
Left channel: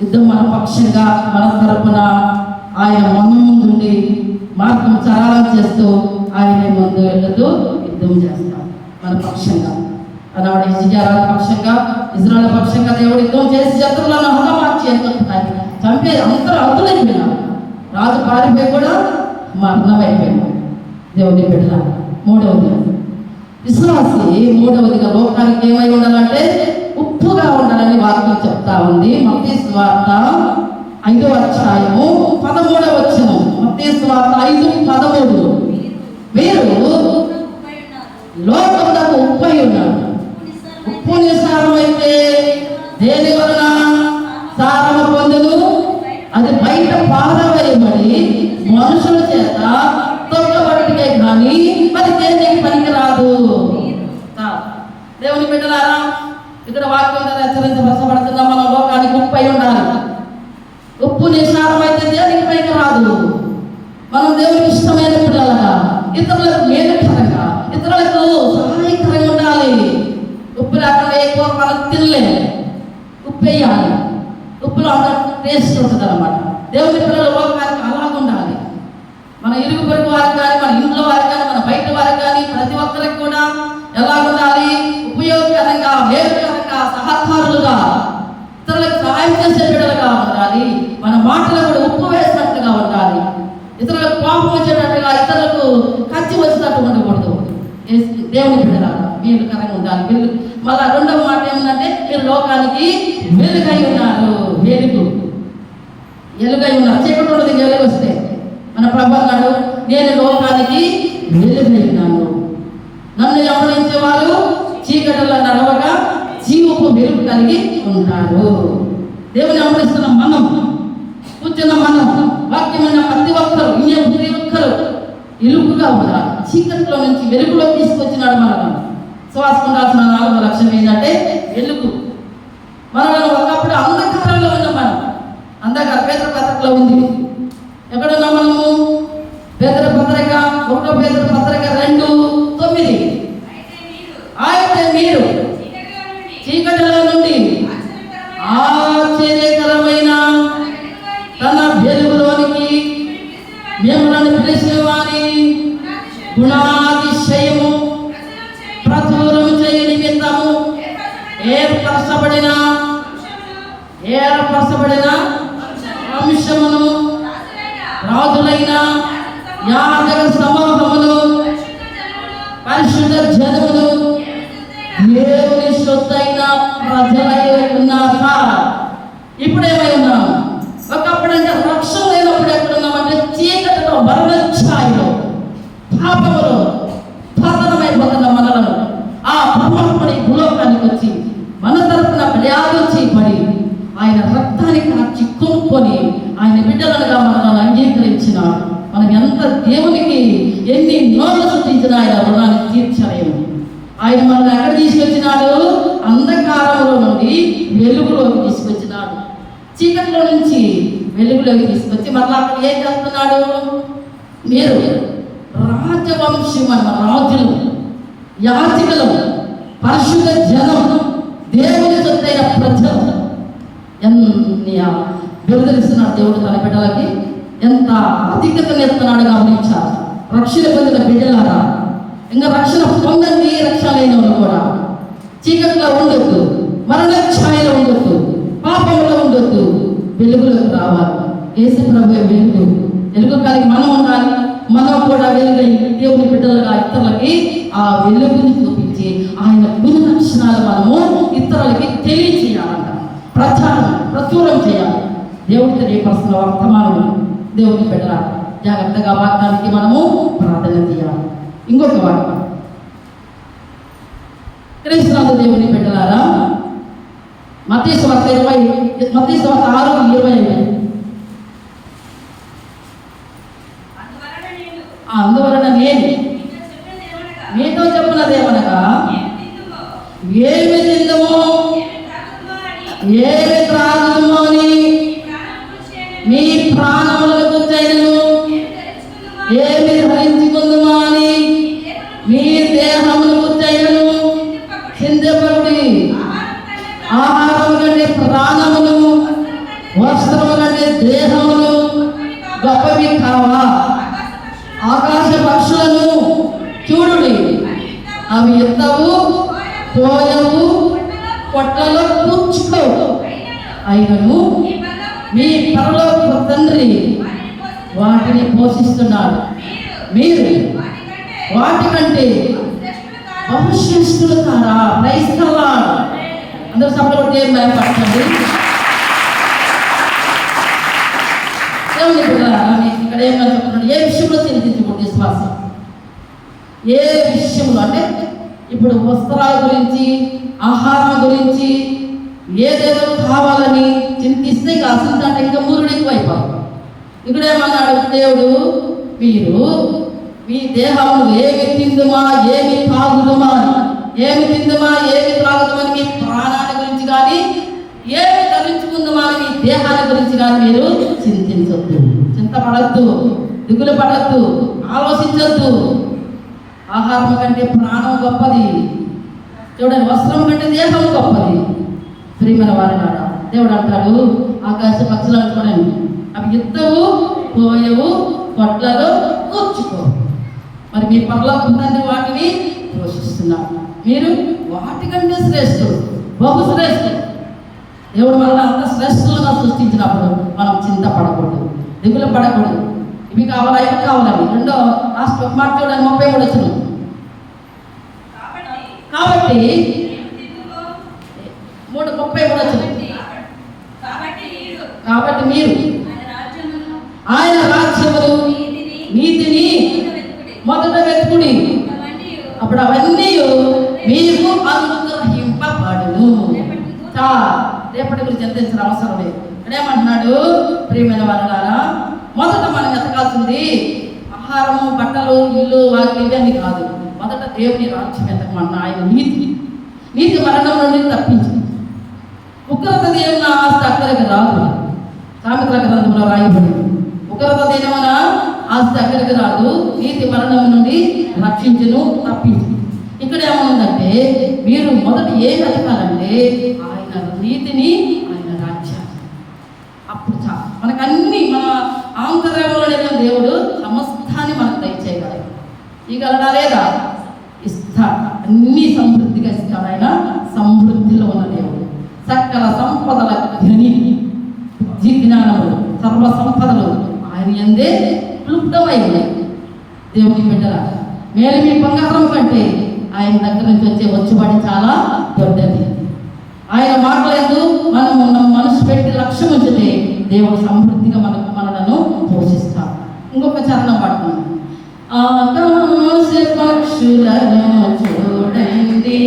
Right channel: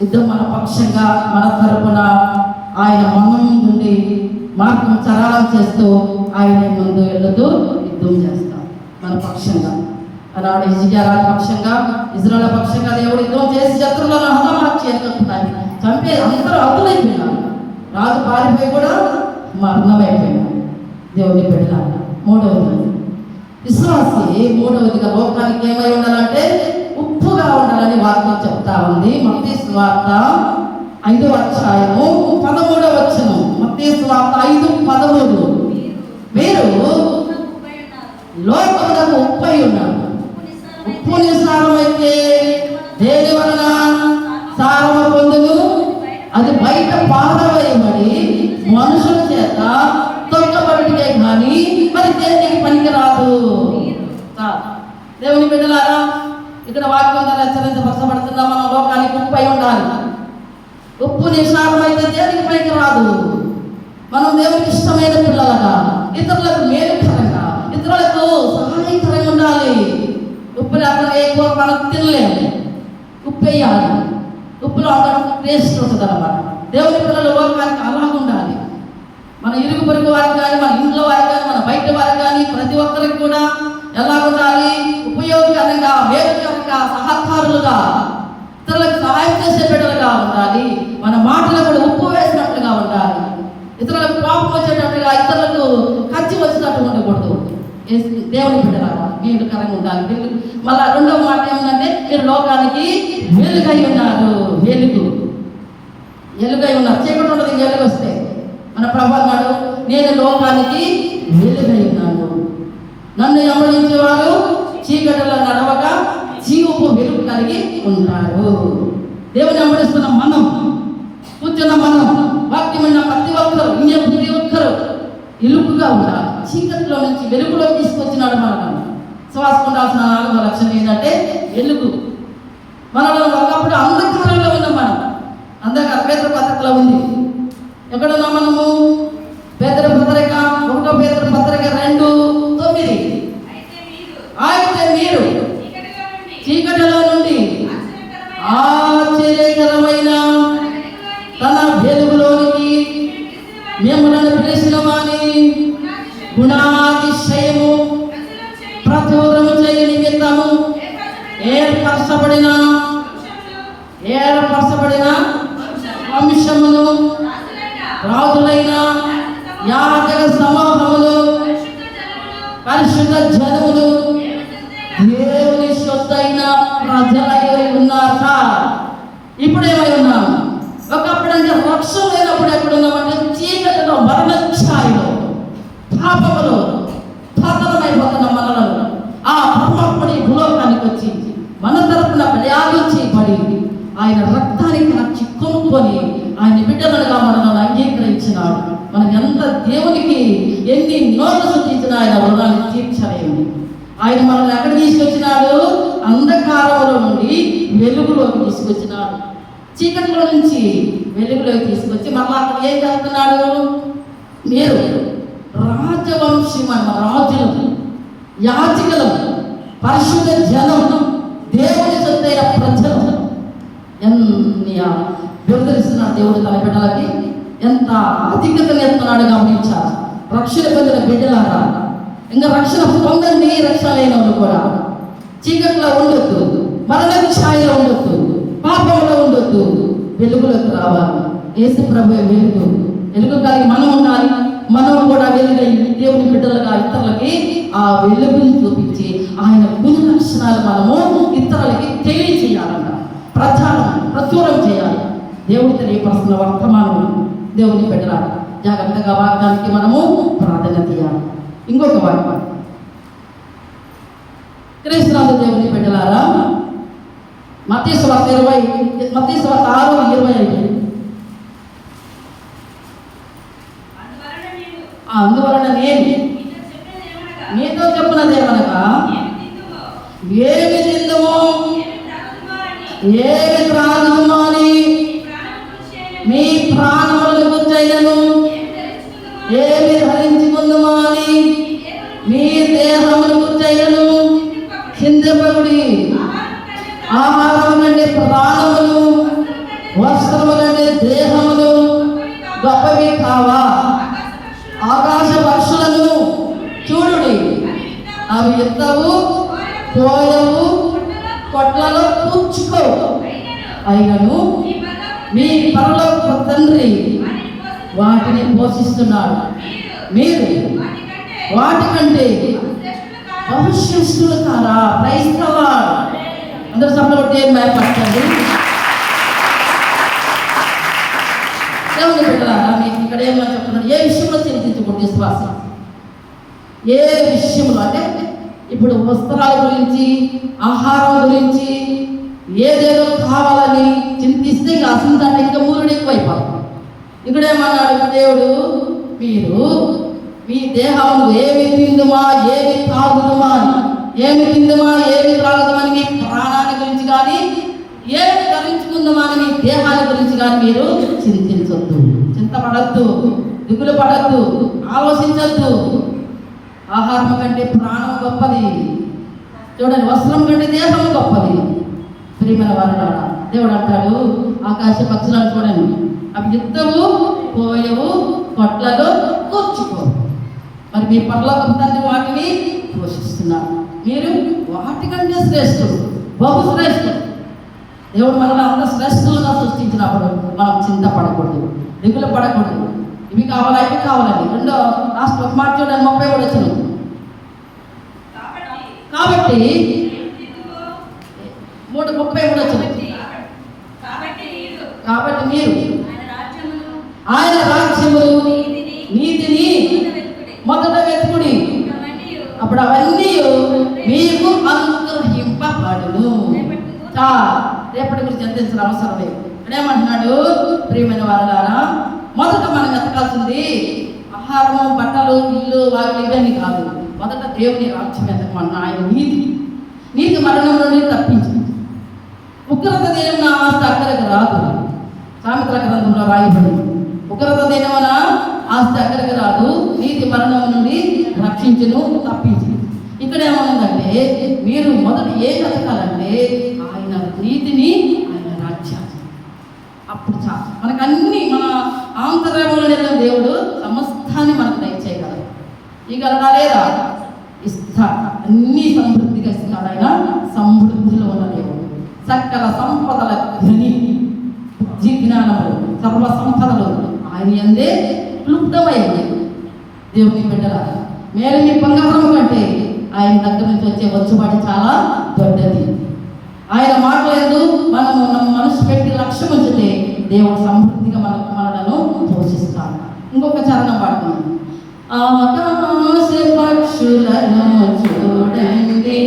యుద్ధం మన పక్షంగా మన తరపున ఆయన మన ముందుండి మార్గం సరళం చేస్తూ ఆయనే ముందు వెళ్తూ యుద్ధం చేస్తాం మన పక్షంగా. ఆనాడు హిజ్కియా పక్షంగా, ఇజ్రాయేల్ పక్షంగా దేవుడు యుద్ధం చేసి శత్రువులను హతమార్చి చంపే అందరూ అవుతులైపోయినారు. రాజు పారిపోయి కూడా మరణమైపోయాడు. దేవుని బిడ్డ మూడవది విశ్వాసి, మూడవదిగా లోకానికి ఏమై ఉండాలంటే ఉప్పుగా ఉండాలని వాక్యం చెప్తా ఉంది. మత్తయి సువార్త 5వ అధ్యాయము 13వ వచనం. మత్తయి సువార్త 5:13. మీరు లోకమునకు ఉప్పై ఉన్నారు. ఉప్పు నిస్సారమైతే దేని వలన సారము పొందును? అది బయట పారవేయబడి మనుషుల చేత తొక్కబడికే కానీ మరి దేనికి పనికి రాదు. దేవుని బిడ్డలారా, ఇక్కడ వాక్యం ద్వారా హెచ్చరించబడుతున్నా మనం లోకానికి ఉప్పు అయి ఉండాలి. ఉప్పు నిస్సారమైతే దేనికి పనికి రాదు. మనం దేవునికి ఇష్టమైన పిల్లలుగా, ఇతరులకు మేలుకరంగా, ఇతరులకు సహాయకరంగా ఉండాలి. ఉప్పు లేకుండా ఎక్కువ మనం తినలేము. ఉప్పు వేయాలి. ఉప్పులో అంత టేస్ట్ ఉంటుంది అన్నమాట. దేవుని పిల్లల లోకానికి అలాగ ఉండాలి. మన ఇరుగు పొరుగు వారికి కానీ, మన ఇంట్లో వారికి కానీ, మన బయట వారికి కానీ, ప్రతి ఒక్కరికి కూడా ఎలా ఉండాలి? ఉపయోగకరంగా, మేలుకరంగా, సహకారులుగా, ఇతరులకు సహాయం చేసే బిడ్డలుగా ఉండాలి. మన మాటలు కూడా ఉప్పు వేసినట్లుగా ఉండాలి. ఇతరులకు కోపం వచ్చేటట్టుగా, ఇతరులకు ఖర్చు వచ్చినట్టు ఉండకూడదు. దేవుని బిడ్డలారా మేలుకరంగా ఉండాలి. మళ్ళా రెండవ మాట ఏమంటే మీరు లోకానికి వెలుగై ఉన్నారు. వెలుగై ఉన్నారు. చీకటి ఉండదు, వెలుగు వస్తే. మన ప్రభు అన్నాడు, నేను లోకానికి వెలుగై ఉన్నాను. నన్ను వెంబడించేవారు చీకటిలో నడవగా జీవపు వెలుగు కలిగి ఉంటారు. దేవుని వెంబడిస్తున్న మనం, కూర్చున్న మనం, వాక్యం ఉన్న ప్రతి ఒక్కరు ఇలుపుగా ఉండాలి. చీకటిలో నుంచి వెలుగులో తీసుకొచ్చినాడు మనల్ని. శ్వాస ఉండాల్సిన 4వ లక్ష్యం ఏంటంటే వెలుగు. మనలో ఒకప్పుడు అంధకారంలో ఉన్నాం. మనం అంధకార పేదల పత్రికలో ఉంది. ఎక్కడున్నాం మనము? పేదల పత్రిక 1వ పేదల పత్రిక 2:9. అయితే మీరు చీకటిలో నుండి ఆశ్చర్యకరమైన తన వెలుగులోనికి మిమ్మల్ని పిలిచిన వాని గుణాతిశయము ప్రచురము చేయ నిమిత్తము ఏర్పరచబడిన వంశమును, రాజులైన యాజక సమూహములు, పరిశుద్ధ జనములు, దేవుని శుద్ధైన ప్రజలై ఉన్నారట. ఇప్పుడేమై ఉన్నాం? ఒకప్పుడంటే రక్షణ లేనప్పుడు ఎక్కడున్నామంటే చీకటిలో, మరణ ఛాయలో, పాపములో పతనమైపోతున్న మనలను ఆ పరమాత్ముడి భూలోకానికి వచ్చి మన తరపున బలియాగించబడి ఆయన రక్తానికి కార్చి కొనుక్కొని ఆయన బిడ్డలుగా మనల్ని అంగీకరించినాడు. మనం ఎంత దేవునికి ఎన్ని నోళ్ళు శుద్ధించినా ఆయన రుణాన్ని తీర్చలేము. ఆయన మనల్ని ఎక్కడ తీసుకొచ్చినాడు? అంధకారంలో నుండి వెలుగులోకి తీసుకొచ్చినాడు. చీకటిలో నుంచి వెలుగులోకి తీసుకొచ్చి మళ్ళీ అక్కడ ఏం చేస్తున్నాడు? మీరు రాజవంశం అన్న రాజులు, యాజకులు, పరిశుద్ధ జనం, దేవుని సొత్తైన ప్రజలు. ఎన్ని బెదిరిస్తున్నాడు దేవుడు తన బిడ్డలకి. ఎంత అధికతను ఎత్తున్నాడు గమనించాలి. రక్షణ పొందిన బిడ్డలారా, ఇంకా రక్షణ పొందండి. రక్షణ లేని వాళ్ళు కూడా చీకట్లో ఉండొద్దు, మరణ ఛాయలో ఉండొద్దు, పాపంలో ఉండొద్దు, వెలుగులోకి రావాలి. యేసు ప్రభువే వెలుగు కలిగి మనం ఉండాలి. మనం కూడా వెలుగై దేవుని బిడ్డలుగా ఇతరులకి ఆ వెలుగుని చూపించి ఆయన గుణ లక్షణాలు మనము ఇతరులకి తెలియచేయాలంట. ప్రచురం చేయాలి. దేవుని తెలియపరుస్తున్న వర్తమానములు దేవుని బిడ్డల జాగ్రత్తగా వాక్యానికి మనము ప్రార్థన చేయాలి. ఇంకొక వాక్యం క్రీస్తునాథ దేవుని బిడ్డలారా, మత్తయి సువార్త 6:25. అందువలన నేను మీతో చెప్పినదేమనగా, ఏమి తిందుమో ఏమి త్రాగుదుమో అని మీ ప్రాణములకు చైనను, ఏమి ధరించుకుందుమో అని మీ దేహములకు చైనను చింతపడి ఆహారం కంటే ప్రాణములు వస్త్రము కంటే దేహములు గొప్పవి కావా? ఆకాశ పక్షులను చూడుడి, అవి ఎత్తవు, పోయవు, కొట్లలో కూర్చుకోవు, అయినను మీ పరలోక తండ్రి వాటిని పోషిస్తున్నాడు. మీరు వాటికంటే బహుశ్రేష్ఠులు కారా? క్రైస్తవా అందరూ సభలో ఏం భయపడతారు? ఇక్కడ ఏమన్నా చెప్తున్నాడు? ఏ విషయంలో చింతించకూడదు విశ్వాసం. ఏ విషయంలో అంటే ఇప్పుడు వస్త్రాల గురించి, ఆహారం గురించి ఏదేదో కావాలని చింతిస్తే ఇక అసలు అంటే ఇంకా మూరుడు ఎక్కువైపోతాం. ఇక్కడేమన్నాడు దేవుడు? మీరు మీ దేహము ఏమి తిందుమా ఏమి తాగుదుమా, ఏమి తిందుమా ఏమి త్రాగుదామని మీ ప్రాణాన్ని గురించి కానీ, ఏమి ధరించుకుందామా అని మీ దేహాన్ని గురించి కానీ మీరు చింతించొద్దు, చింతపడద్దు, దిగులు పడద్దు, ఆలోచించద్దు. ఆహారం కంటే ప్రాణం గొప్పది. చూడండి, వస్త్రం కంటే దేహం గొప్పది. ప్రియమైన వారలారా, దేవుడు అంటాడు ఆకాశ పక్షులను చూడండి, అవి ఎత్తవు, పోయవు, కొట్లలో కూర్చుకో, మరి మీ పరలోక తండ్రి వాటిని పోషిస్తున్నారు. మీరు వాటికంటే శ్రేష్ఠుడు, బహు శ్రేష్ఠుడు. దేవుడు మనల్ని అంత శ్రేష్ఠులుగా సృష్టించినప్పుడు మనం చింతపడకూడదు, దిగులు పడకూడదు. ఇవి కావాలా ఇవి కావాలని. రెండో లాస్ట్ ఒక మాట చూడండి, 33 వచ్చిన. కాబట్టి 33 వచ్చిన. కాబట్టి మీరు ఆయన రాజ్యమును నీతిని మొదట వెతుకుడి, అప్పుడు అవన్నీ మీకు అనుగ్రహింపబడును. రేపటి గురించి చింతించిన అవసరం లేదు. ఇక్కడేమంటున్నాడు? ప్రియమైన వారలారా, మొదట మనం వెతకాల్సింది ఆహారము, బట్టలు, ఇల్లు, వాకిలి ఇవన్నీ కాదు. మొదట దేవుని రాజ్యం వెతకమన్నా, ఆయన నీతి మరణం నుండి తప్పించింది. ఉగ్రత దేవుని ఆస్తి అక్కడికి రాదు. సామెతల గ్రంథంలో రాయబడింది, ఉగ్రత దేనివన ఆస్తి అక్కడికి రాదు, నీతి మరణం నుండి రక్షించును, తప్పించు. ఇక్కడ ఏమవుందంటే మీరు మొదటి ఏం వెతకాలంటే ఆయన నీతిని, ఆయన రాజ్యాన్ని. అప్పుడు మనకు అన్ని మన ఆంతర్యంలో దేవుడు సమస్తాన్ని మనకు దయచేయగలడు. ఇగలడా లేదా? ఇస్తాడు, అన్ని సమృద్ధిగా ఇస్తాడు. ఆయన సమృద్ధిలో ఉన్న దేవుడు, సకల సంపదల ధని, బుద్ధి జ్ఞానములు, సర్వ సంపదలు ఆయన యందే క్లుప్తమైంది. దేవుని బిడ్డల మేలు మీ బంగారం కంటే ఆయన దగ్గర నుంచి వచ్చే వచ్చుబాటు చాలా దొడ్డది. ఆయన మాటలందు మనము మనసు పెట్టి లక్ష్యం ఉంచితే దేవుడు సమృద్ధిగా మనలను పోషిస్తాడు. ఇంకొక చరణం పాడుతున్నాం. ఆకాశ పక్షులను చూడండి,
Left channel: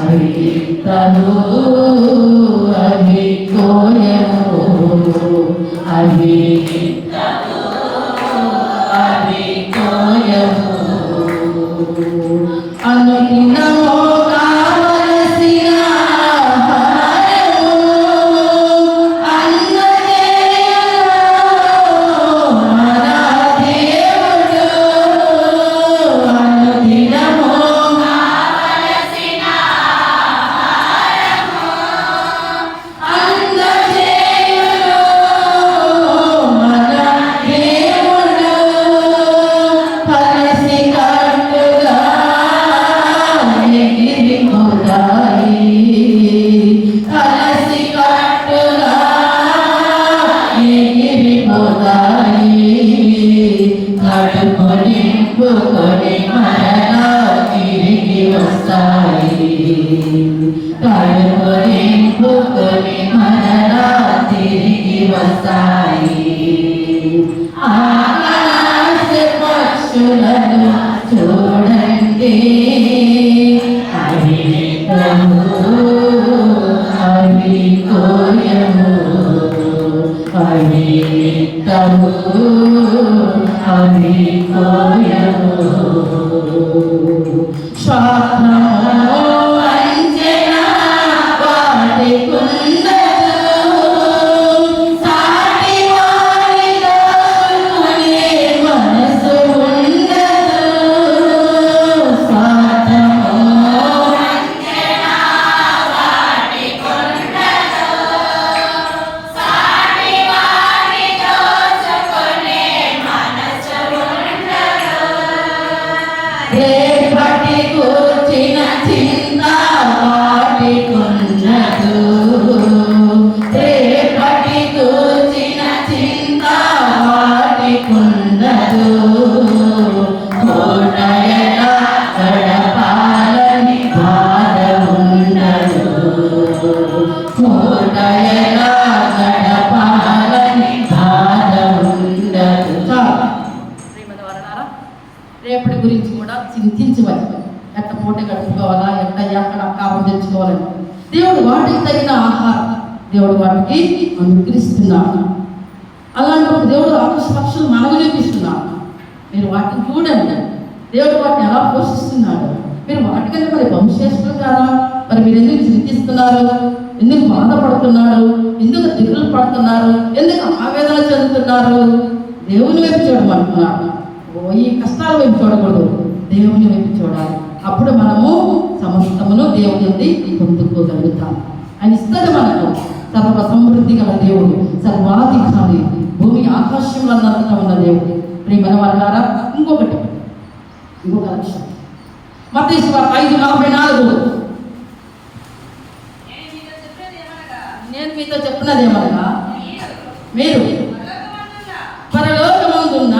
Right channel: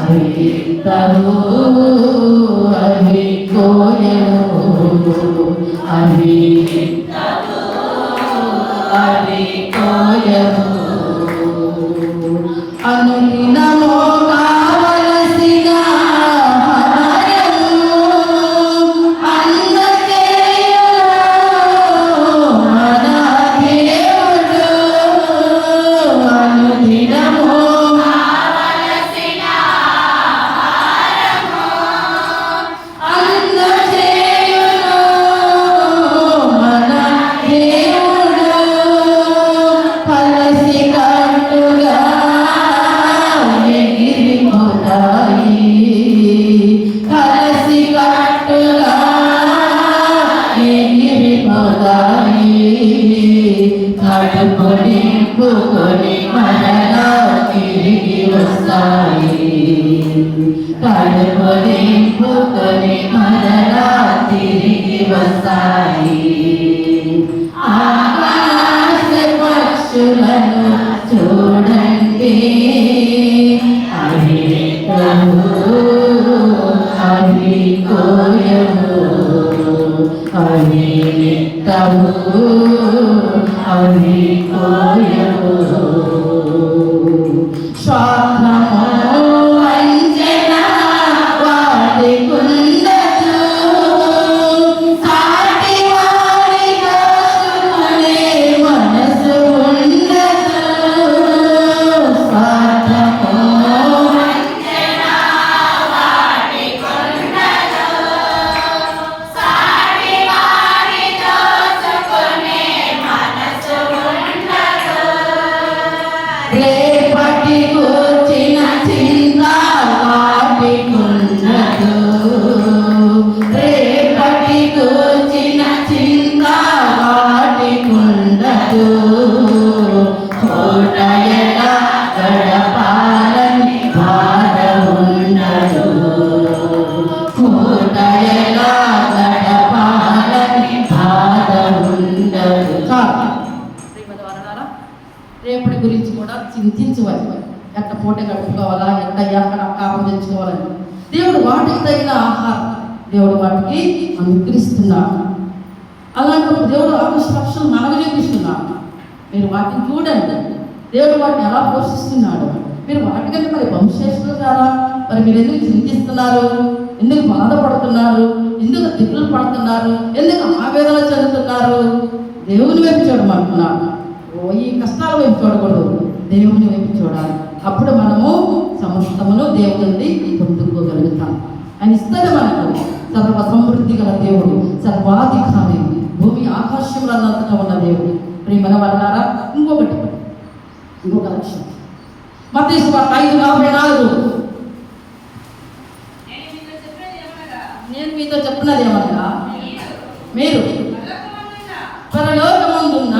అవి ఎత్తవు, అవి కోయవు, అవి కోయవు, అనుదినము కావలసిన ఆహారము అందజేయును మన దేవుడు. అనుదినము కావలసిన ఆహారము అందజేయును మన దేవుడు. కలసి కట్టుగా ఎగిరిపోతాయి, కలసి కట్టుగా ఎగిరిపోతాయి, కడుపు నింపుకొని మరలా తిరిగి వస్తాయి, కడుపు నింపుకొని మరలా తిరిగి వస్తాయి. ఆకాశ పక్షులను చూడండి, అవి ఎత్తవు, అవి కోయవు, అవి ఎత్తవు, అవి కోయవు. స్వార్థము వంచన వాటికుండదు, సాటి వారి దోచుకునే మనసు ఉండదు. స్వార్థము వంచన వాటికుండదు, కూర్చిన చింత వాటికుండదు, రేపటి కూర్చిన చింత వాటికుండదు. పూట ఎలా గడపాలని బాధ ఉండదు, పూట ఎలా గడపాలని బాధ ఉండదు. రేపటి గురించి కూడా చింతించవచ్చు. ఎట్ట పూట గడుపుకోవాలా, ఎక్కడ ఆహారం తెచ్చుకోవాలని దేవుడు వాటికి తగిన ఆహారం దేవుడు వాటికి అనుగ్రహిస్తున్నాడు. అలాంటప్పుడు దేవుడు ఆకాశ పక్షులు మనకు చూపిస్తున్నాడు. మీరు వాటిని చూడండి, దేవుడు వాటిని ఎలా పోషిస్తున్నాడు. మీరు వాటికంటే మరి వంశేషులు కాదా? మరి మీరు ఎందుకు చింతిస్తున్నారు? ఎందుకు బాధపడుతున్నారు? ఎందుకు దిగులు పడుతున్నారు? ఎందుకు ఆవేదన చెందుతున్నారు? దేవుని వైపు చూడమంటున్నాడు. ఈ కష్టాల వైపు చూడకూడదు, దేవుని వైపు చూడాలి. అప్పుడు మనము సమస్తమును దేవుని నుండి పొందుకోగలుగుతాం. ఆయన ఇస్తాడు మనకు. సర్వ సమృద్ధి గల దేవుడు, సర్వాధికారి, భూమి ఆకాశంలో ఉన్న దేవుడు. ప్రియమైన వాళ్ళారా, ఇంకొక లక్ష్యం మత్తయి సువార్త 5:44. నేను మీతో చెప్పినది ఏమనగా, మీరు పరలోకమందున్న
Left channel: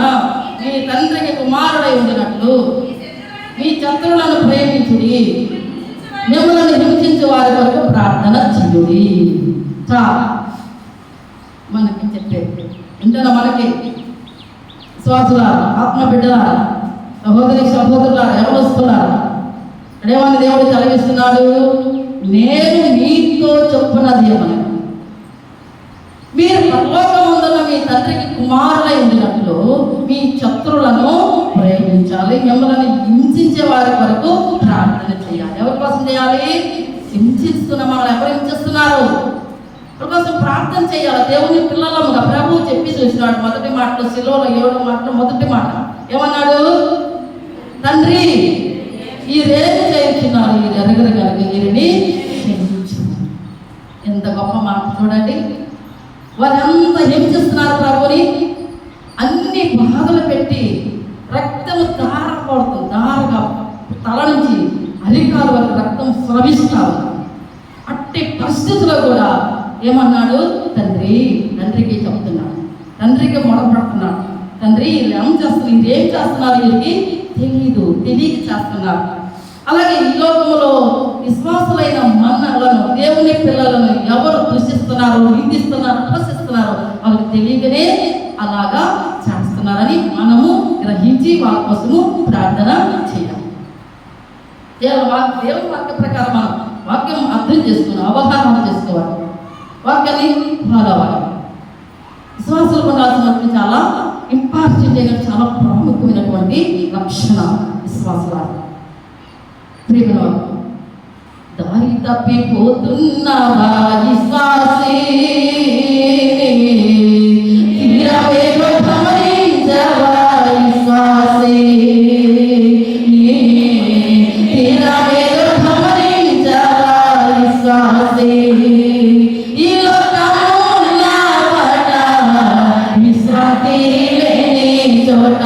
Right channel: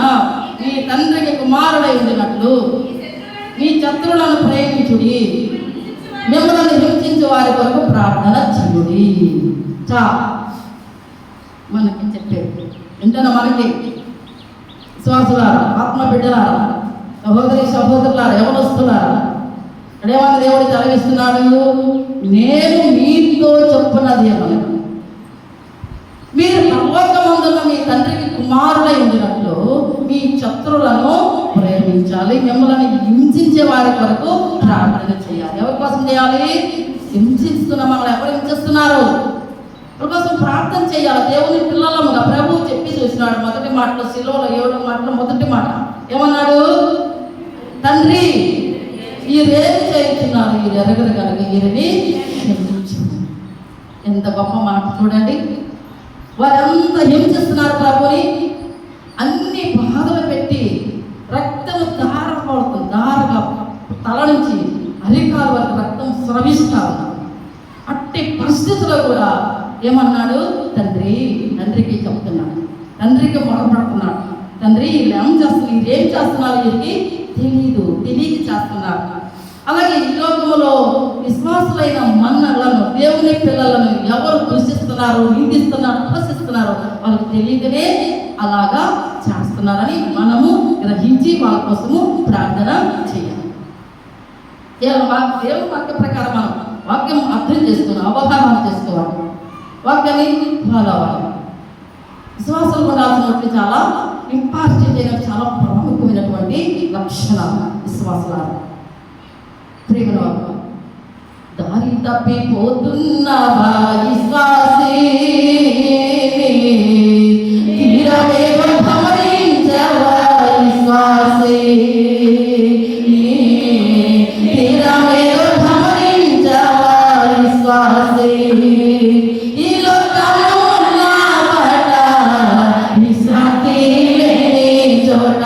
మీ తండ్రికి కుమారుడై ఉండినట్లు మీ శత్రువులను ప్రేమించుడి, మిమ్మల్ని హింసించే వారి కొరకు ప్రార్థన చేయుడి. మనకి చెప్పేది ఏంటన్నా, మనకి విశ్వాసులారా, ఆత్మ బిడ్డలారా, సహోదరులారా, యవనస్తులారా, అడేమని దేవుడు తలగిస్తున్నాడు. నేను మీతో చెప్పున్నది ఏమనగా, మీరు పరలోకమందున్న మీ తండ్రికి కుమారులై ఉండినట్లు మీ శత్రువులను ప్రేమించాలి, మిమ్మల్ని హింసించే వారి కొరకు ప్రార్థన చేయాలి. ఎవరి కోసం చేయాలి? హింసిస్తున్నాం, మనల్ని ఎవరు హింసిస్తున్నారు? వారి కోసం ప్రార్థన చేయాలి. దేవుని పిల్లలముగా ప్రభువు చెప్పి చూసినాడు. మొదటి మాటలో, శిలువలో 7వ మాటలో మొదటి మాట ఏమన్నాడు? తండ్రి, ఈరేమి చేస్తున్నారు, ఈ ఎరగరు కనుక వీరిని క్షమించు. ఎంత గొప్ప మాట చూడండి. వారంతా హింసిస్తున్నారు ప్రభుని, అన్ని బాధలు పెట్టి రక్తము దారగా తల నుంచి అరికాల వరకు రక్తం స్రవిస్తారు. అట్టి పరిస్థితుల్లో కూడా ఏమన్నాడు? తండ్రికి చెప్తున్నాడు, తండ్రికి మొదలుపెడుతున్నాడు. తండ్రి, వీళ్ళు ఏం చేస్తున్నారు వీరికి తెలియక చేస్తున్నారు. అలాగే ఈ లోకములో విశ్వాసులైన మన్నలను, దేవుని పిల్లలను ఎవరు దూషిస్తున్నారు, నిందిస్తున్నారు, పోషిస్తున్నారు, వాళ్ళకి తెలియకనే అలాగా చేస్తున్నారని మనము గ్రహించి వాళ్ళ కోసము ప్రార్థన చేయాలి. దేవుని వాక్య ప్రకారం మనం వాక్యం అర్థం చేసుకున్నాం, అవగాహన చేసుకోవాలి, వాక్యాన్ని ఫాలో అవ్వాలి. విశ్వాసాలు ఉండాల్సినటువంటి చాలా ఇంపార్టెంట్ అయిన, చాలా ప్రాముఖ్యమైనటువంటి లక్షణం విశ్వాసాలు. ప్రేమ దారి తప్పిపోతున్నవా విశ్వాసే, గమనించవా విశ్వాసే, గమనించవా విశ్వాసే. ఈ లోకమున పట విశ్రాంతి లేని చోట,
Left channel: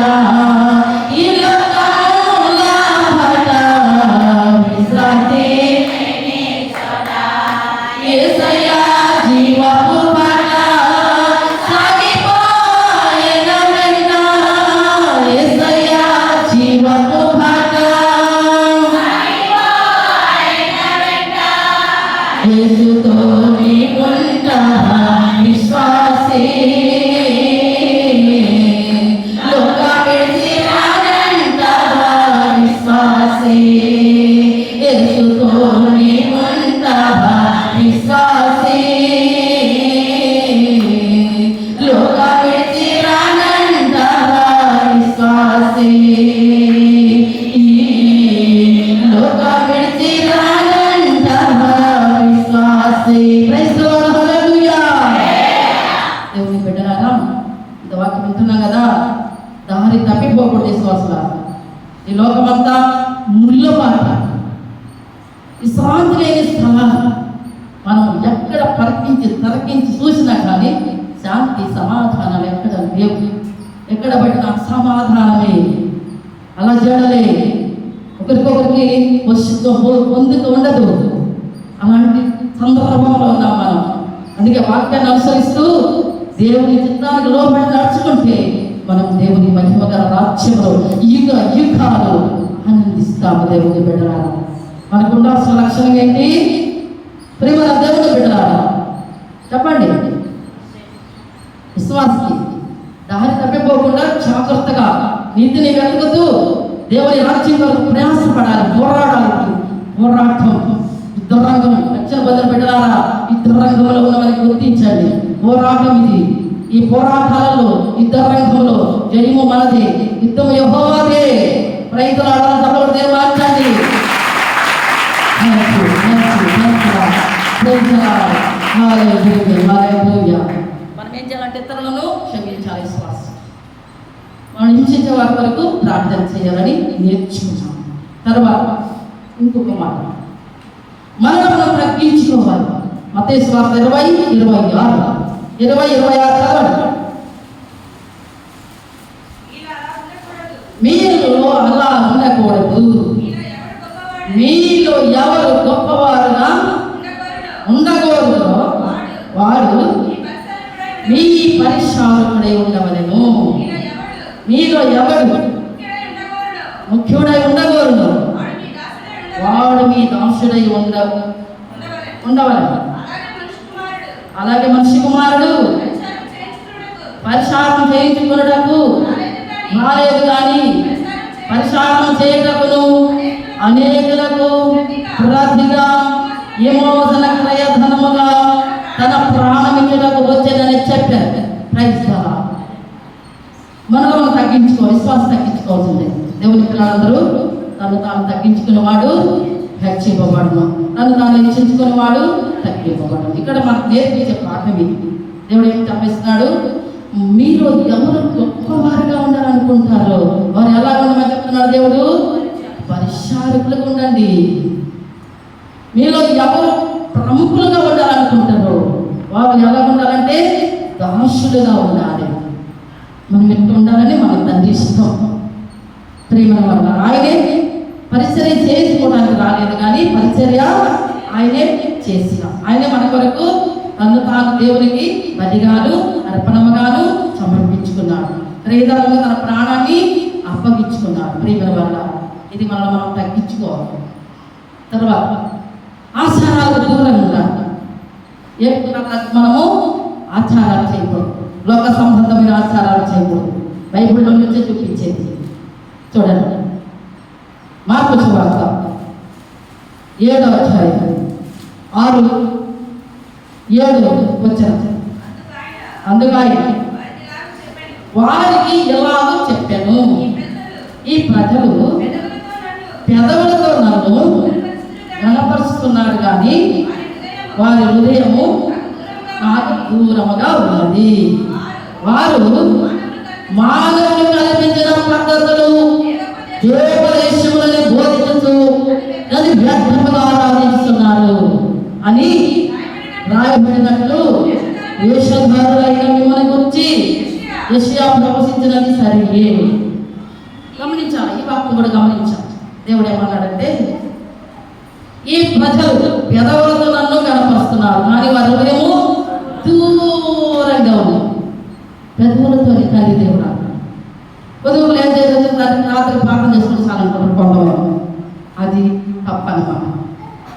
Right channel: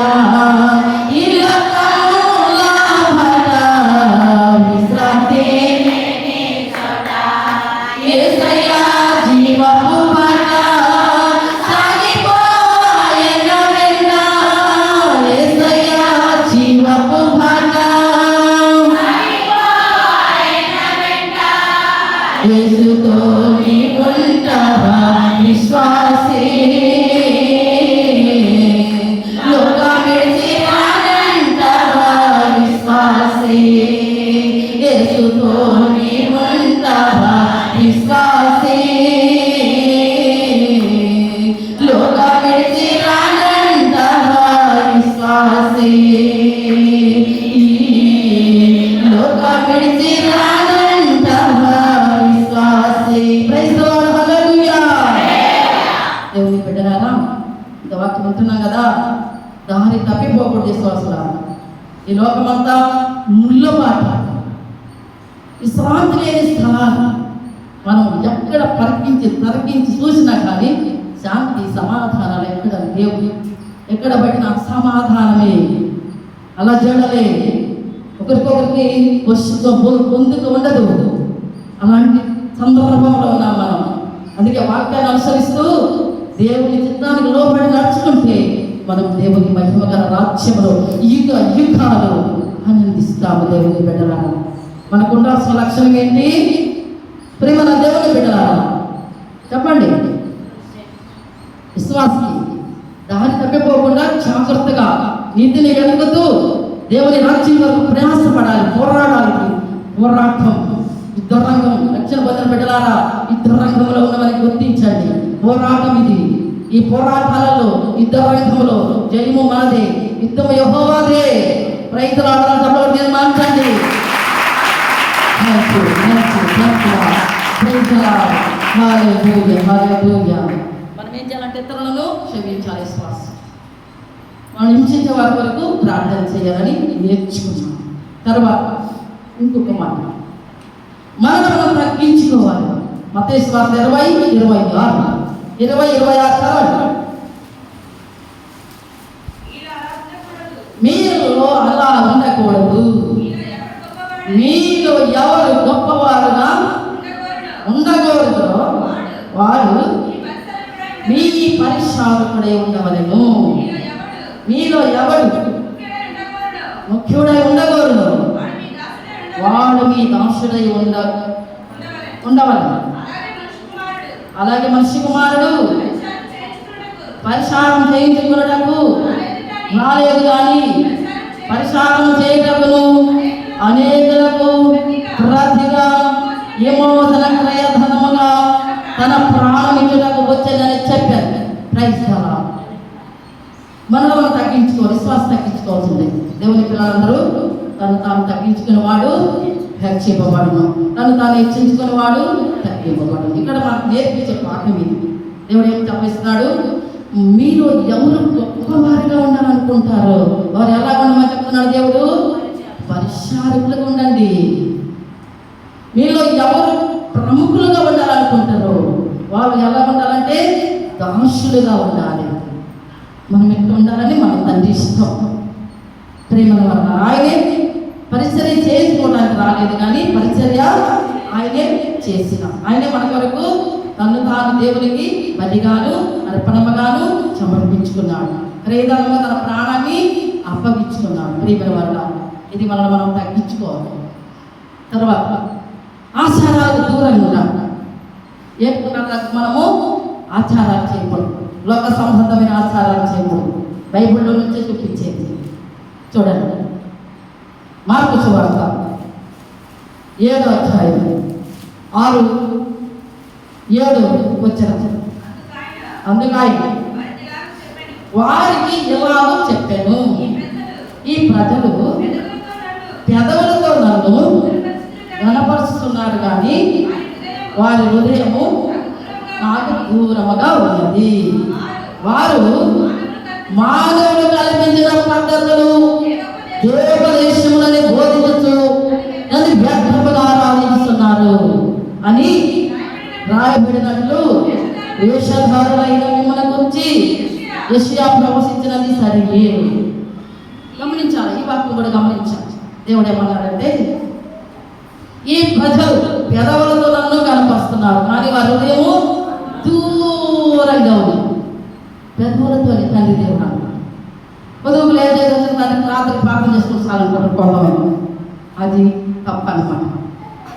ఈ లోకమున పట విశ్రాంతి లేని చోట, యేసయ్యా జీవపు బాట సాగిపోయెన వెంట, యేసయ్యా జీవపు బాట సాగిపోయెన వెంట, యేసుతో నీవుంటావా విశ్వాసే, లోక విడిచి రానంటావా విశ్వాసే, యేసుతో నీవుంటావా విశ్వాసే, లోక విడిచి రానంటావా విశ్వాసే, లోక విడిచి రానంటావా విశ్వాసే. ప్రైజ్ ది లార్డ్, హల్లెలూయా. దేవుని బిడ్డలారా, ఇంత వాక్యం వింటున్నాం కదా, దారి తప్పిపోకూడదు విశ్వాసులారా. ఈ లోకమంతా ముళ్ళబాట, విశ్రాంతి లేని స్థలాలు. మనం ఎక్కడ పరికించి చూసినా కానీ శాంతి సమాధానాలు ఎక్కడ లేవు. ఎక్కడ పట్టిన అసమాధానమే, అలా జడలే. ఒక ఒకరికొకరికి పొందుకు ఉండదు. అలాంటి సందర్భంలో ఉన్నాం మనం. అందుకే వాక్యాన్ని అనుసరిస్తూ దేవుని చిత్తానికి లోబడి నడుచుకుంటే మనం దేవుని మహిమగల రాజ్యంలో యుగాలు ఆనందిస్తాము. దేవుని బిడ్డలారా, మనకు ఉండాల్సిన లక్షణం ఏంటి? ప్రియమైన దేవుని బిడ్డలారా చెప్పండి. విశ్వాసి దారి తప్పిపోకుండా జాగ్రత్తగా నీతిని వెతుకుతూ దేవుని రాజ్యం వరకు ప్రయాసపడాలి, పోరాడాలి. పోరాటం యుద్ధరంగం. రక్షణ పొందిన బిడ్డలారా, యుద్ధరంగంలో ఉన్నవారికి గుర్తించండి. పోరాటం ఇది. ఈ పోరాటాలలో యుద్ధరంగంలో జయము మనదే, యుద్ధం యెహోవాదే. రైతులాడడంలో దేవుడు మార్చండి. మనం ఏం చేయాలంటే ఇతరులను క్షమించాలి. విశ్వాసం మనం హింసించే వారి వరకు ప్రార్థన చేయాలని నేర్చుకున్నాం. తర్వాత ఇంకొక మాట, మనం తగ్గించుకోవాలి. మత్తయి సువార్త 20:26 చదవండి. మీలో అలా ఉండకూడదు. మీలో ఎవరు గొప్పవారుగా ఉండకూడదు వాడు మీ పరిచారకుడై ఉండవలెను. మీలో ఎవడు ముఖ్యుడై ఉండకూడదు వాడు మీ దాసుడై ఉండవలెను. అలాగే మనిషి కుమారుడు పరిచారం చేయించుకున్నటకు రాలేదు కానీ పరిచారం చేయటకును అనేకులకు ప్రతిగా విమోచన క్రయధనముగా తన ప్రాణమిచ్చుటకు వచ్చేదని చెప్పారు. Praise God. మనలో మనం విశ్వాసం తగ్గించుకోవాల్సిందే. దేవుని పిల్లలందరూ తను తాను తగ్గించుకునేవాడు హెచ్చింపబడును, తను తాను హెచ్చించుకునేవాడు తగ్గింపబడును. ఇక్కడ మనకు నేర్పించే పాఠం ఇది. దేవుడు ఏం చెప్పిస్తున్నాడు? మీరు ఎవరు గొప్పవారిగా ఉండాలనుకుంటారో వారు ఎలా ఉండమని చెప్తున్నాడు దేవుడు? పరిచారకులుగా ఉండండి. మీలో ఎవరు ప్రముఖులుగా ఉండాలనుకుంటారో వారు ఎలా ఉండాలంటే దాసులుగా ఉండాలి. మనం ఎట్లా ఉండాలని మన తండ్రి ఇష్టం. ప్రేమ వల్ల ఆయనే పరిచర్య చేసుకోవడానికి రాలేదు కానీ పరిచర్య ఆయనే చేసిన. ఆయనే మన కొరకు తను తాను దేవునికి బలిగాను అర్పణముగాను సమర్పించుకున్నాడు. క్రయధనంగా తన ప్రాణాన్ని అప్పగించుకున్నాడు. ప్రేమ వల్ల ఇది మనం తగ్గించుకోవాలి. తర్వాత ఆచారాలు దూరంగా ఉండాలి. మనము ఆచారాలు చేయకూడదు, లోక సంబంధమైన ఆచారాలు చేయకూడదు. బైబిల్లో నుంచే చూపించేది చూడండి. మార్కు సువార్త 7:6-7 అందుగా వారికి ఎలాగో చెప్పాను, ఈ ప్రజలు పెదవులతో నన్ను గణపరుస్తున్నారు కానీ వారి హృదయము నాకు దూరముగా ఉన్నది. వారు మానవులు కల్పించిన పద్ధతులు దేవోపదేశములని బోధించుతూ నన్ను వ్యర్థముగా ఆరాధిస్తున్నారు అని రాయబడినట్లు వేషధారులైన మిమ్మల్ని గురించి యెషయా ప్రవచించినది సరియే. గమనించాలి, ఈ వాక్యం కూడా గమనించాలి. దేవుడు ఏమన్నాడంటే, ఈ ప్రజలు పెదవులతో నన్ను కనపరుస్తున్నారు కానీ వారి హృదయము దూరంగా ఉంది. పెదవులతో తండ్రి దేవుడు పొదుపులు ఏం చేయవచ్చు, రాత్రి ప్రార్థన చేసుకుని చాలనుకుంటున్నాం. అది తప్పనమాట.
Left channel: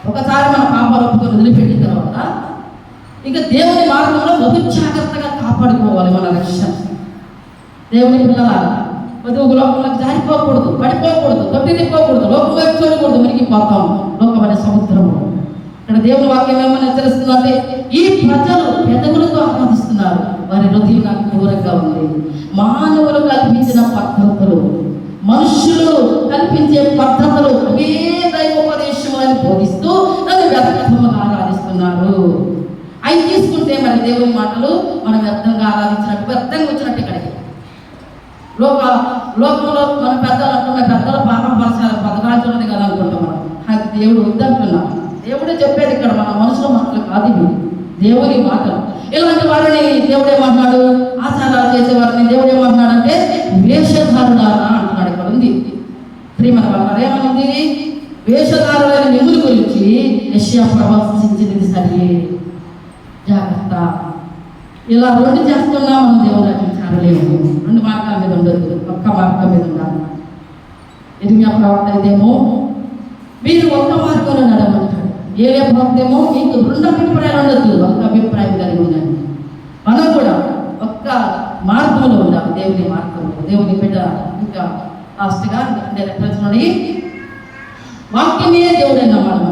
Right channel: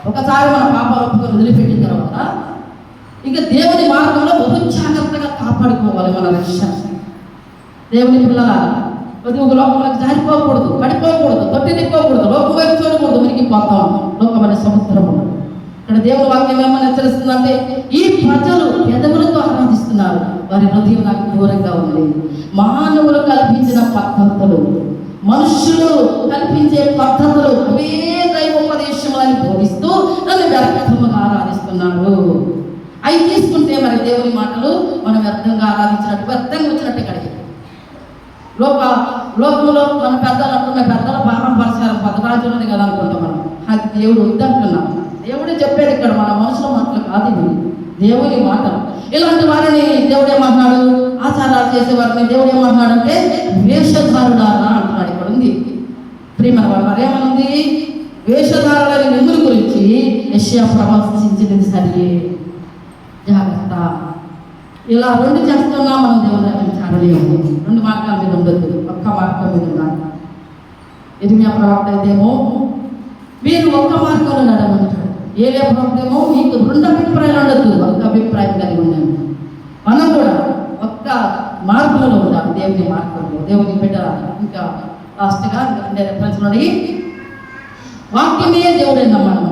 ఒకసారి మన పాపాలు ఒప్పుకొని వదిలిపెట్టిన తర్వాత ఇక దేవుని మార్గంలో బహు జాగ్రత్తగా కాపాడుకోవాలి మన రక్షణ. దేవుని పిల్లల పొదుపు లోకంలోకి జారిపోకూడదు, పడిపోకూడదు, తొట్టిపోకూడదు, లోకం వైపు చూడకూడదు, మునిగిపోతాం లోకమనే సముద్రము. ఇక్కడ దేవుని వాక్యం ఏమని హెచ్చరిస్తుందంటే, ఈ ప్రజలు పెదవులతో ఆరాధిస్తున్నారు, వారి హృదయం నాకు దూరంగా ఉంది. మానవులు కల్పించిన పద్ధతులు, మనుషులు కల్పించే పద్ధతులు అవే దైవోపదేశం అని బోధిస్తూ నన్ను వ్యర్థముగా ఆరాధిస్తున్నారు. అవి తీసుకుంటే మరి దేవుని మాటలు మనం వ్యర్థంగా ఆరాధించినట్టు, వ్యర్థంగా వచ్చినట్టు ఇక్కడికి లోకంలో మన పెద్దలు అంటున్నాం, పెద్దల పాపం పరిసరాలు పదరాజులని కదా అనుకుంటున్నాం. అది దేవుడు వద్దంటున్నాం. దేవుడే చెప్పేది ఇక్కడ, మన మనుషుల మాటలు కాదు ఇవి, దేవుని మాటలు. ఇలాంటి వారిని దేవుడు ఏమంటున్నాడు? ఆచారాలు చేసే వారిని దేవుడు ఏమంటున్నాడంటే వేషధారులారా అంటున్నాడు. ఇక్కడ ఉంది ప్రియమైన వాళ్ళ ఏమనుంది? వేషధారులని మిమ్ముల గురించి యెషయా ప్రవచించినది సరే, జాగ్రత్త. ఇలా రెండు చేస్తున్నా మనం దేవుని రాజ్యం చేరలేము. రెండు మార్గాల మీద ఉండదు, ఒక్క మార్గం మీద ఉండాలి. ఇర్మియా ప్రవక్త అయితేమో మీరు ఒక్క మార్గంలో నడమంటాడు. ఏలియా ప్రవక్త ఏమో మీకు రెండు అభిప్రాయాలు ఉండదు, ఒక్క అభిప్రాయం కలిగి ఉండండి. మనం కూడా ఒక్క మార్గంలో ఉండాలి, దేవుని మార్గంలో. దేవుని బిడ్డ ఇంకా లాస్ట్గా అంటే రెఫరెన్స్లోని వాక్యమే దేవుడైనా మనం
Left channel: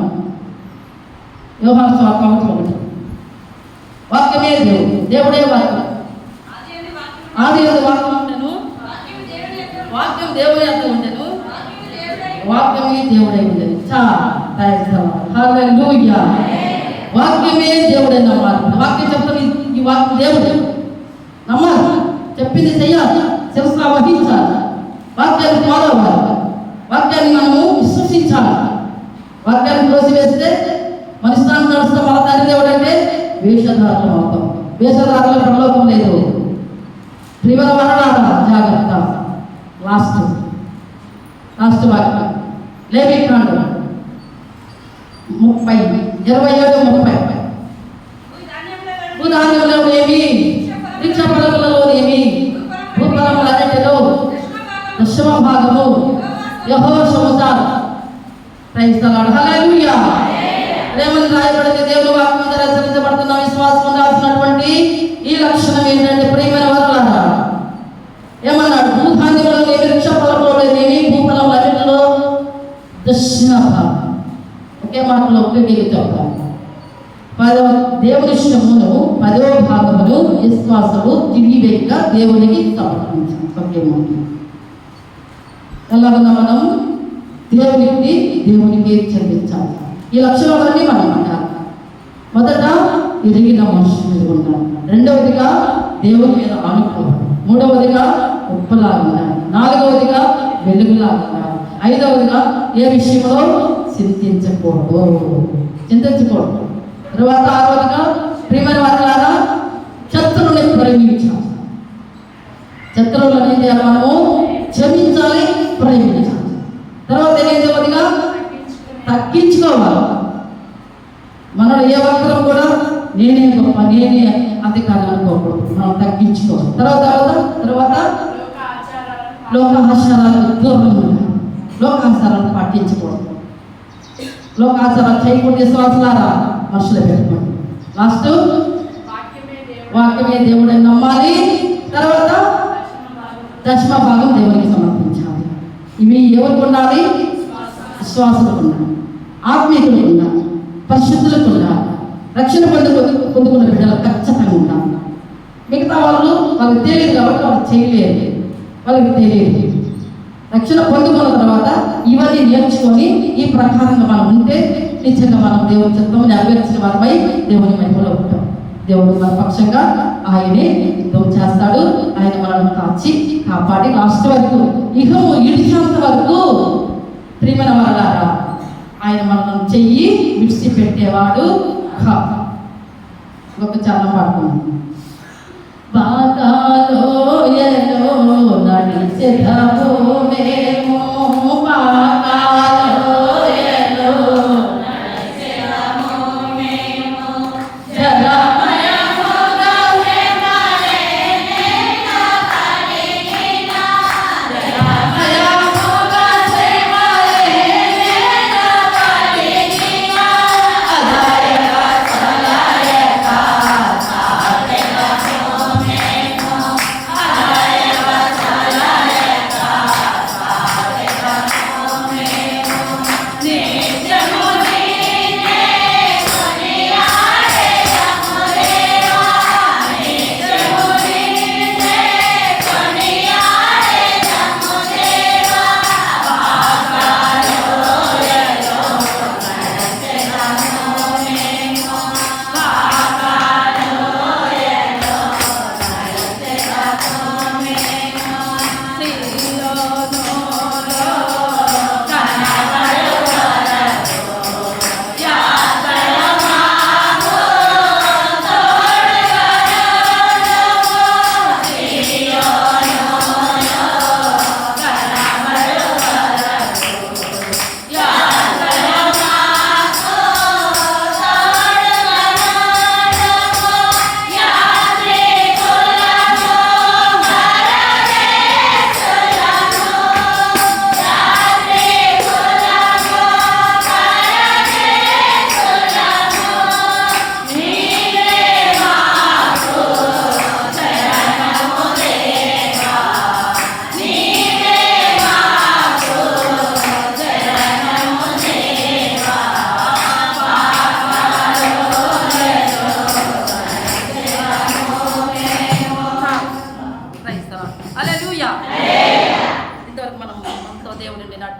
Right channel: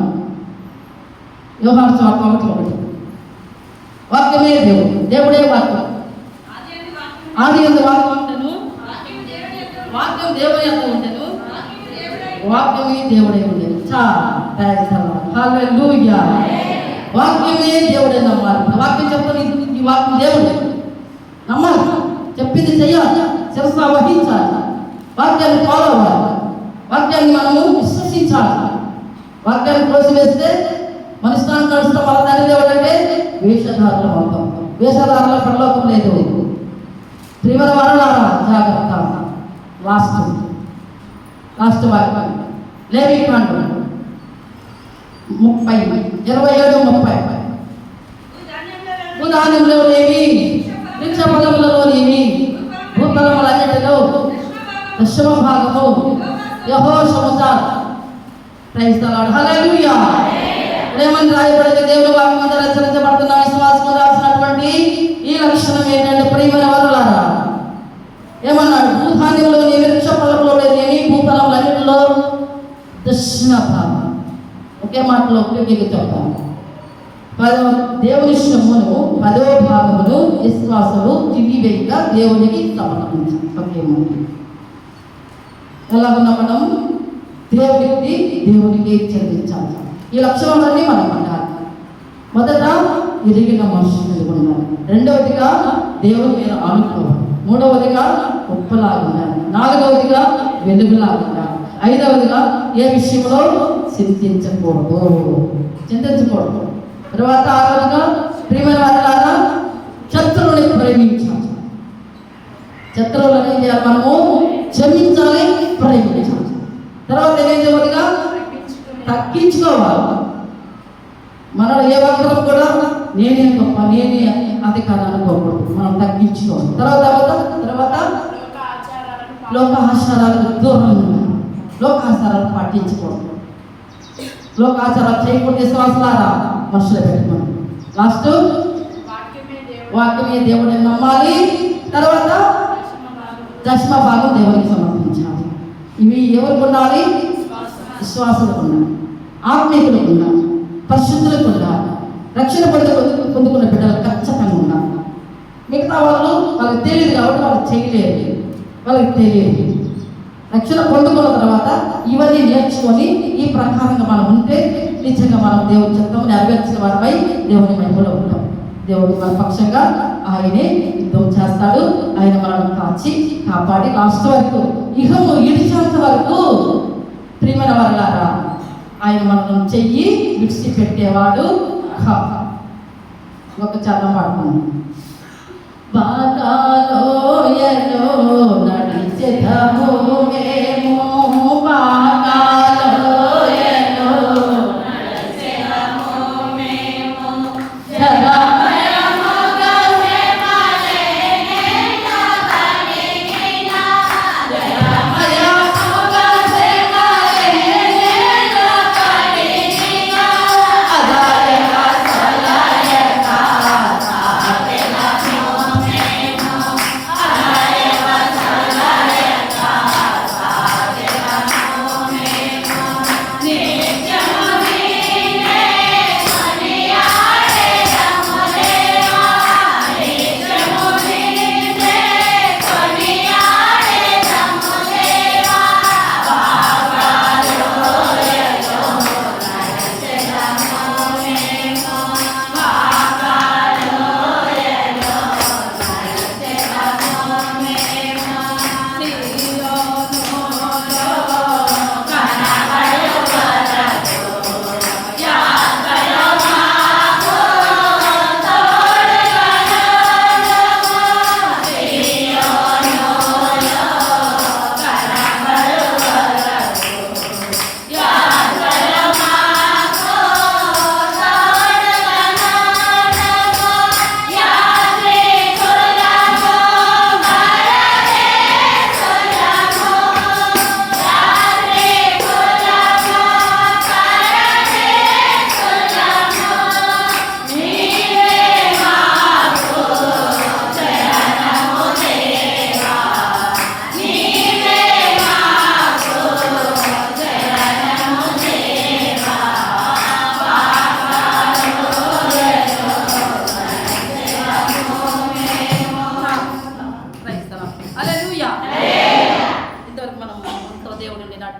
యోహాను సువార్త 1:1 వాక్యమే దేవుడు, దేవుడే వాక్యం. ఆది యందు వాక్యం ఉండెను, వాక్యం దేవుని అంత ఉండెను, వాక్యమే దేవుడై ఉండేది. హల్లెలూయా. వాక్యమే దేవుడే నమ్మాలి. వాక్యం చెప్తాను, ఈ వాక్యం దేవుడు నమ్మాలి, చెప్పింది చెయ్యాలి, శిరస వహించాలి, వాక్యాన్ని ఫాలో అవ్వాలి, వాక్యాన్ని మనము విశ్వసించాలి. వాక్యాన్ని తోసివేస్తే మన ఇష్టాన్ని నడుస్తాం. మన తండ్రి దేవుడు అంటే వేషధారులం అవుతాం. వేషధారుల పరలోకం లేదు. ప్రియమైన వారలారా జాగ్రత్త. లాస్ట్ వాక్యం లేవీకాండం 30:27-30. భూధాన్యములోనేమి, వృక్ష ఫలములలోనేమి, భూఫలములన్నిటిలో దశమ భాగము యెహోషువకు. Praise the Lord. హల్లెలూయా. ఏమని రాయబడింది? దేవుని వాక్యం ద్వారా రచించబడుతున్న విశ్వాసం రాసినటువంటి ఈ లక్షణం ఏంటంటే, ప్రియమైన వారలారా ఏమన్నాడు? భూధాన్యములోనేమి, వృక్ష ఫలములోనేమి, భూఫలములన్నిటిలో దశమ భాగం. ఒకే మాటలో ఒకటి చెప్తాను. దేవుని ఇష్టమును 10వ భాగమును విశ్వాసము తిరిగివేయక దేవునికి సమర్పించాలి. ఒకే మాట. ఎలాగన్నా మనం దేవునికి చెల్లించాలి. ఈ లక్షణాలన్నీ మనం ఉండాలి. మొదట ఎరిగిన మనుషులు మీద ఉండాలి. రెండవదిగా దేవుని మీద ఆనుకోవాలి. మూడవదిగా ఉప్పులా ఉండాలి. నాలుగవదిగా వెలుగులా ఉండాలి. ఐదవదిగా ఏ విషయంలో చింతించకూడదు. తర్వాత ఆరవదిగా ప్రియమైన వారలారా శత్రువుని ప్రేమించాలి. శత్రువులను ఏం చేయాలి? మనము క్షమించాలి, ప్రేమించాలి. తర్వాత ఏదవదిగా తగ్గించుకోవాలి. మనలో ఏ ఒక్కరు కూడా నేనే గొప్ప, నేనే అది కాదు అనుకోకూడదు. మనం తగ్గించుకోవాలి. తర్వాత లోక ఆచారాలకు దూరంగా ఉండాలి. లోకాచారాలు పాటించకూడదు. లోకాచారాలు చేయకూడదు. విశ్వాసాలారా మనసులో పెట్టుకోండి. లాస్ట్ వాక్యమే దేవుడని నమ్మాలి. తర్వాత దశమ భాగం దేవునికి సమర్పించాలి. ఇవి ఎవరికి ఉండాలి? విశ్వాసులకు ఉండాలి, ఆత్మీయులకు ఉండాలి, పరిశుద్ధులకు ఉండాలి, రక్షణ పొందుకున్న బిడ్డలకు ఖచ్చితంగా ఉండాలి. మిగతా వాళ్ళకి తెలియదు కాబట్టి వాళ్ళు చేయలేరు, వాళ్ళకి తెలియదు. రక్షణ పొందుకున్న తర్వాత ఇవన్నీ నేర్చుకొని ఈ ప్రకారంగా మనం ఉంటే నిజంగా మనం దేవుని చిత్తం నెరవేర్చిన వారిపై దేవుని మహిమలో ఉంటాం. దేవుడు మన పక్షంగా ఆయనే యుద్ధం చేస్తాడు. ఆయన మనల్ని కాపాడి లాస్ట్ వరకు ఇహము ఇడిచేంత వరకు ప్రియమైన వారలారా ఆయన మనల్ని చెయ్యి విడిచిపెట్టేవాడు కాదు. ఒక చరణం పాడుకున్నాం. పాతాళలోయలో నడిచెదము మేము, పాతాళలోయలో నడిచెదము మేము, జలమయముగా శ్రమలేన కడిగిన, జలమయముగా శ్రమలేన కడిగిన, అదయ సలయక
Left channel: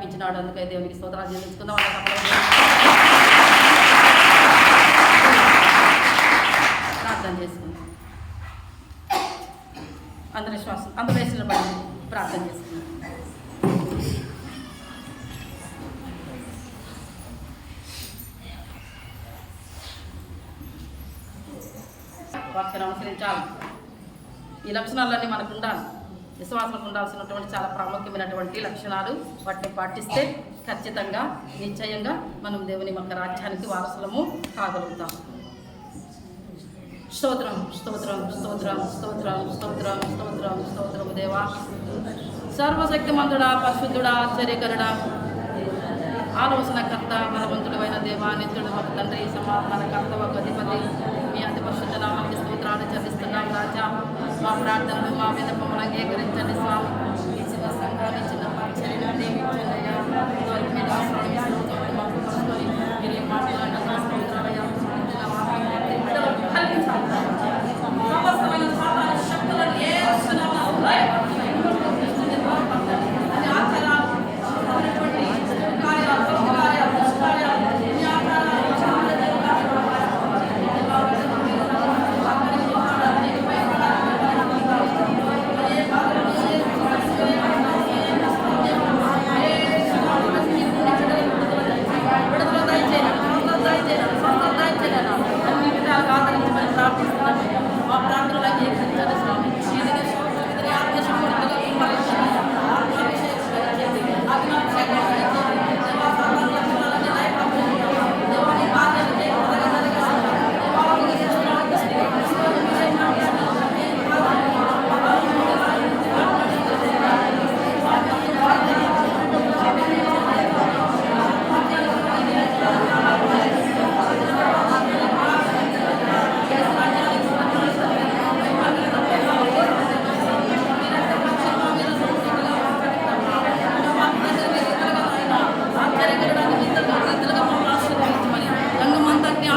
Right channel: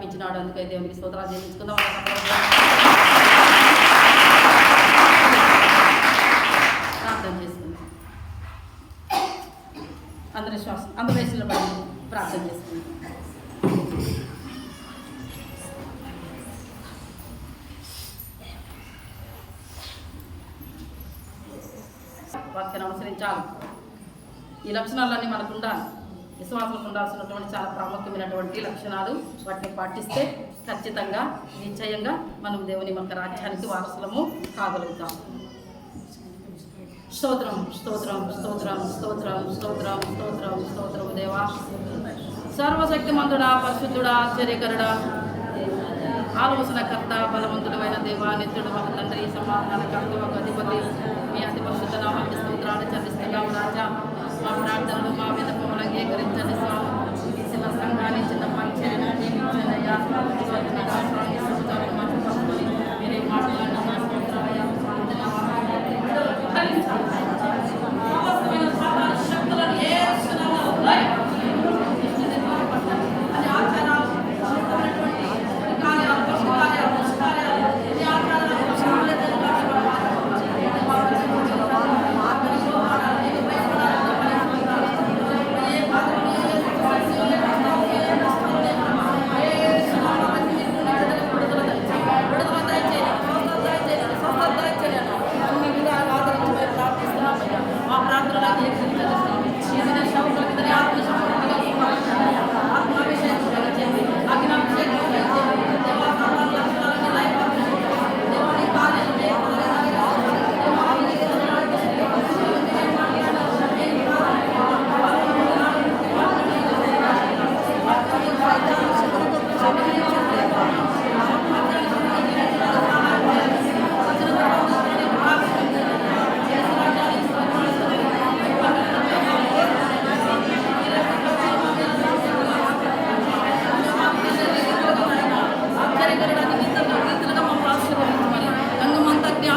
ఆజ్ఞాపించినాడు. అందుకే దేవునికి స్తోత్రాలు చెల్లించుకుందాం. ప్రార్థన చేసుకుందాం. అందరి శ్వాసం అందరూ వేసిన పడి ప్రార్థన చేసుకుందాం. వాక్యాన్ని అనుసరించాలి. ఈ లక్షణాలన్నీ మనకు ఉండాలి. విశ్వాసంకు ఉండాల్సినటువంటి చాలా ప్రాముఖ్యమైనటువంటి లక్షణాలు. వాటిని పాటిస్తే ఖచ్చితంగా నిశ్చయంగా మనం దేవుని యొక్క రాజ్యానికి వారసులము కాగలుగుతాం. స్తోత్రం స్తోత్రం స్తోత్రం స్తోత్రం స్తోత్రం స్తోత్రం స్తోత్రం దేవా, సర్వశక్తిమంతుడా, పరిశుద్ధుడా, ఆశ్చర్యకరుడా, ఆలోచనకర్త, బలవంతుడు అయిన దేవా, నిత్యుడు, ఒక తండ్రి, సమాధానకర్త, ఒక అధిపతి, మీ అతి పరిశుద్ధ నామానికి స్తోత్రాలు చెల్లిస్తున్నాం రాజా. మా ప్రార్థనలు మా విన్నపములు అంగీకరించండి స్వామి. ఈ చిన్న సంఘాన్ని చిన్న పరిచర్యను నియమించండి అయ్యా.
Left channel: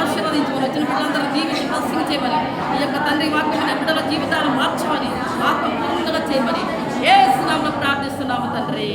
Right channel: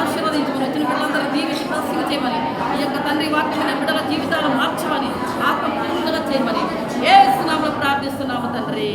ఆశీర్వదించమని, వచ్చిన బిడ్డలందరూ దీవించి బ్లెస్సింగ్ చేయమని, ఈ యొక్క తండ్రి వాక్యమైన బిడ్డల జీవితాలు మార్చమని, ఆత్మ పూర్ణంగా చేయమని యేసు నామములో ప్రార్థిస్తున్నాము తండ్రి.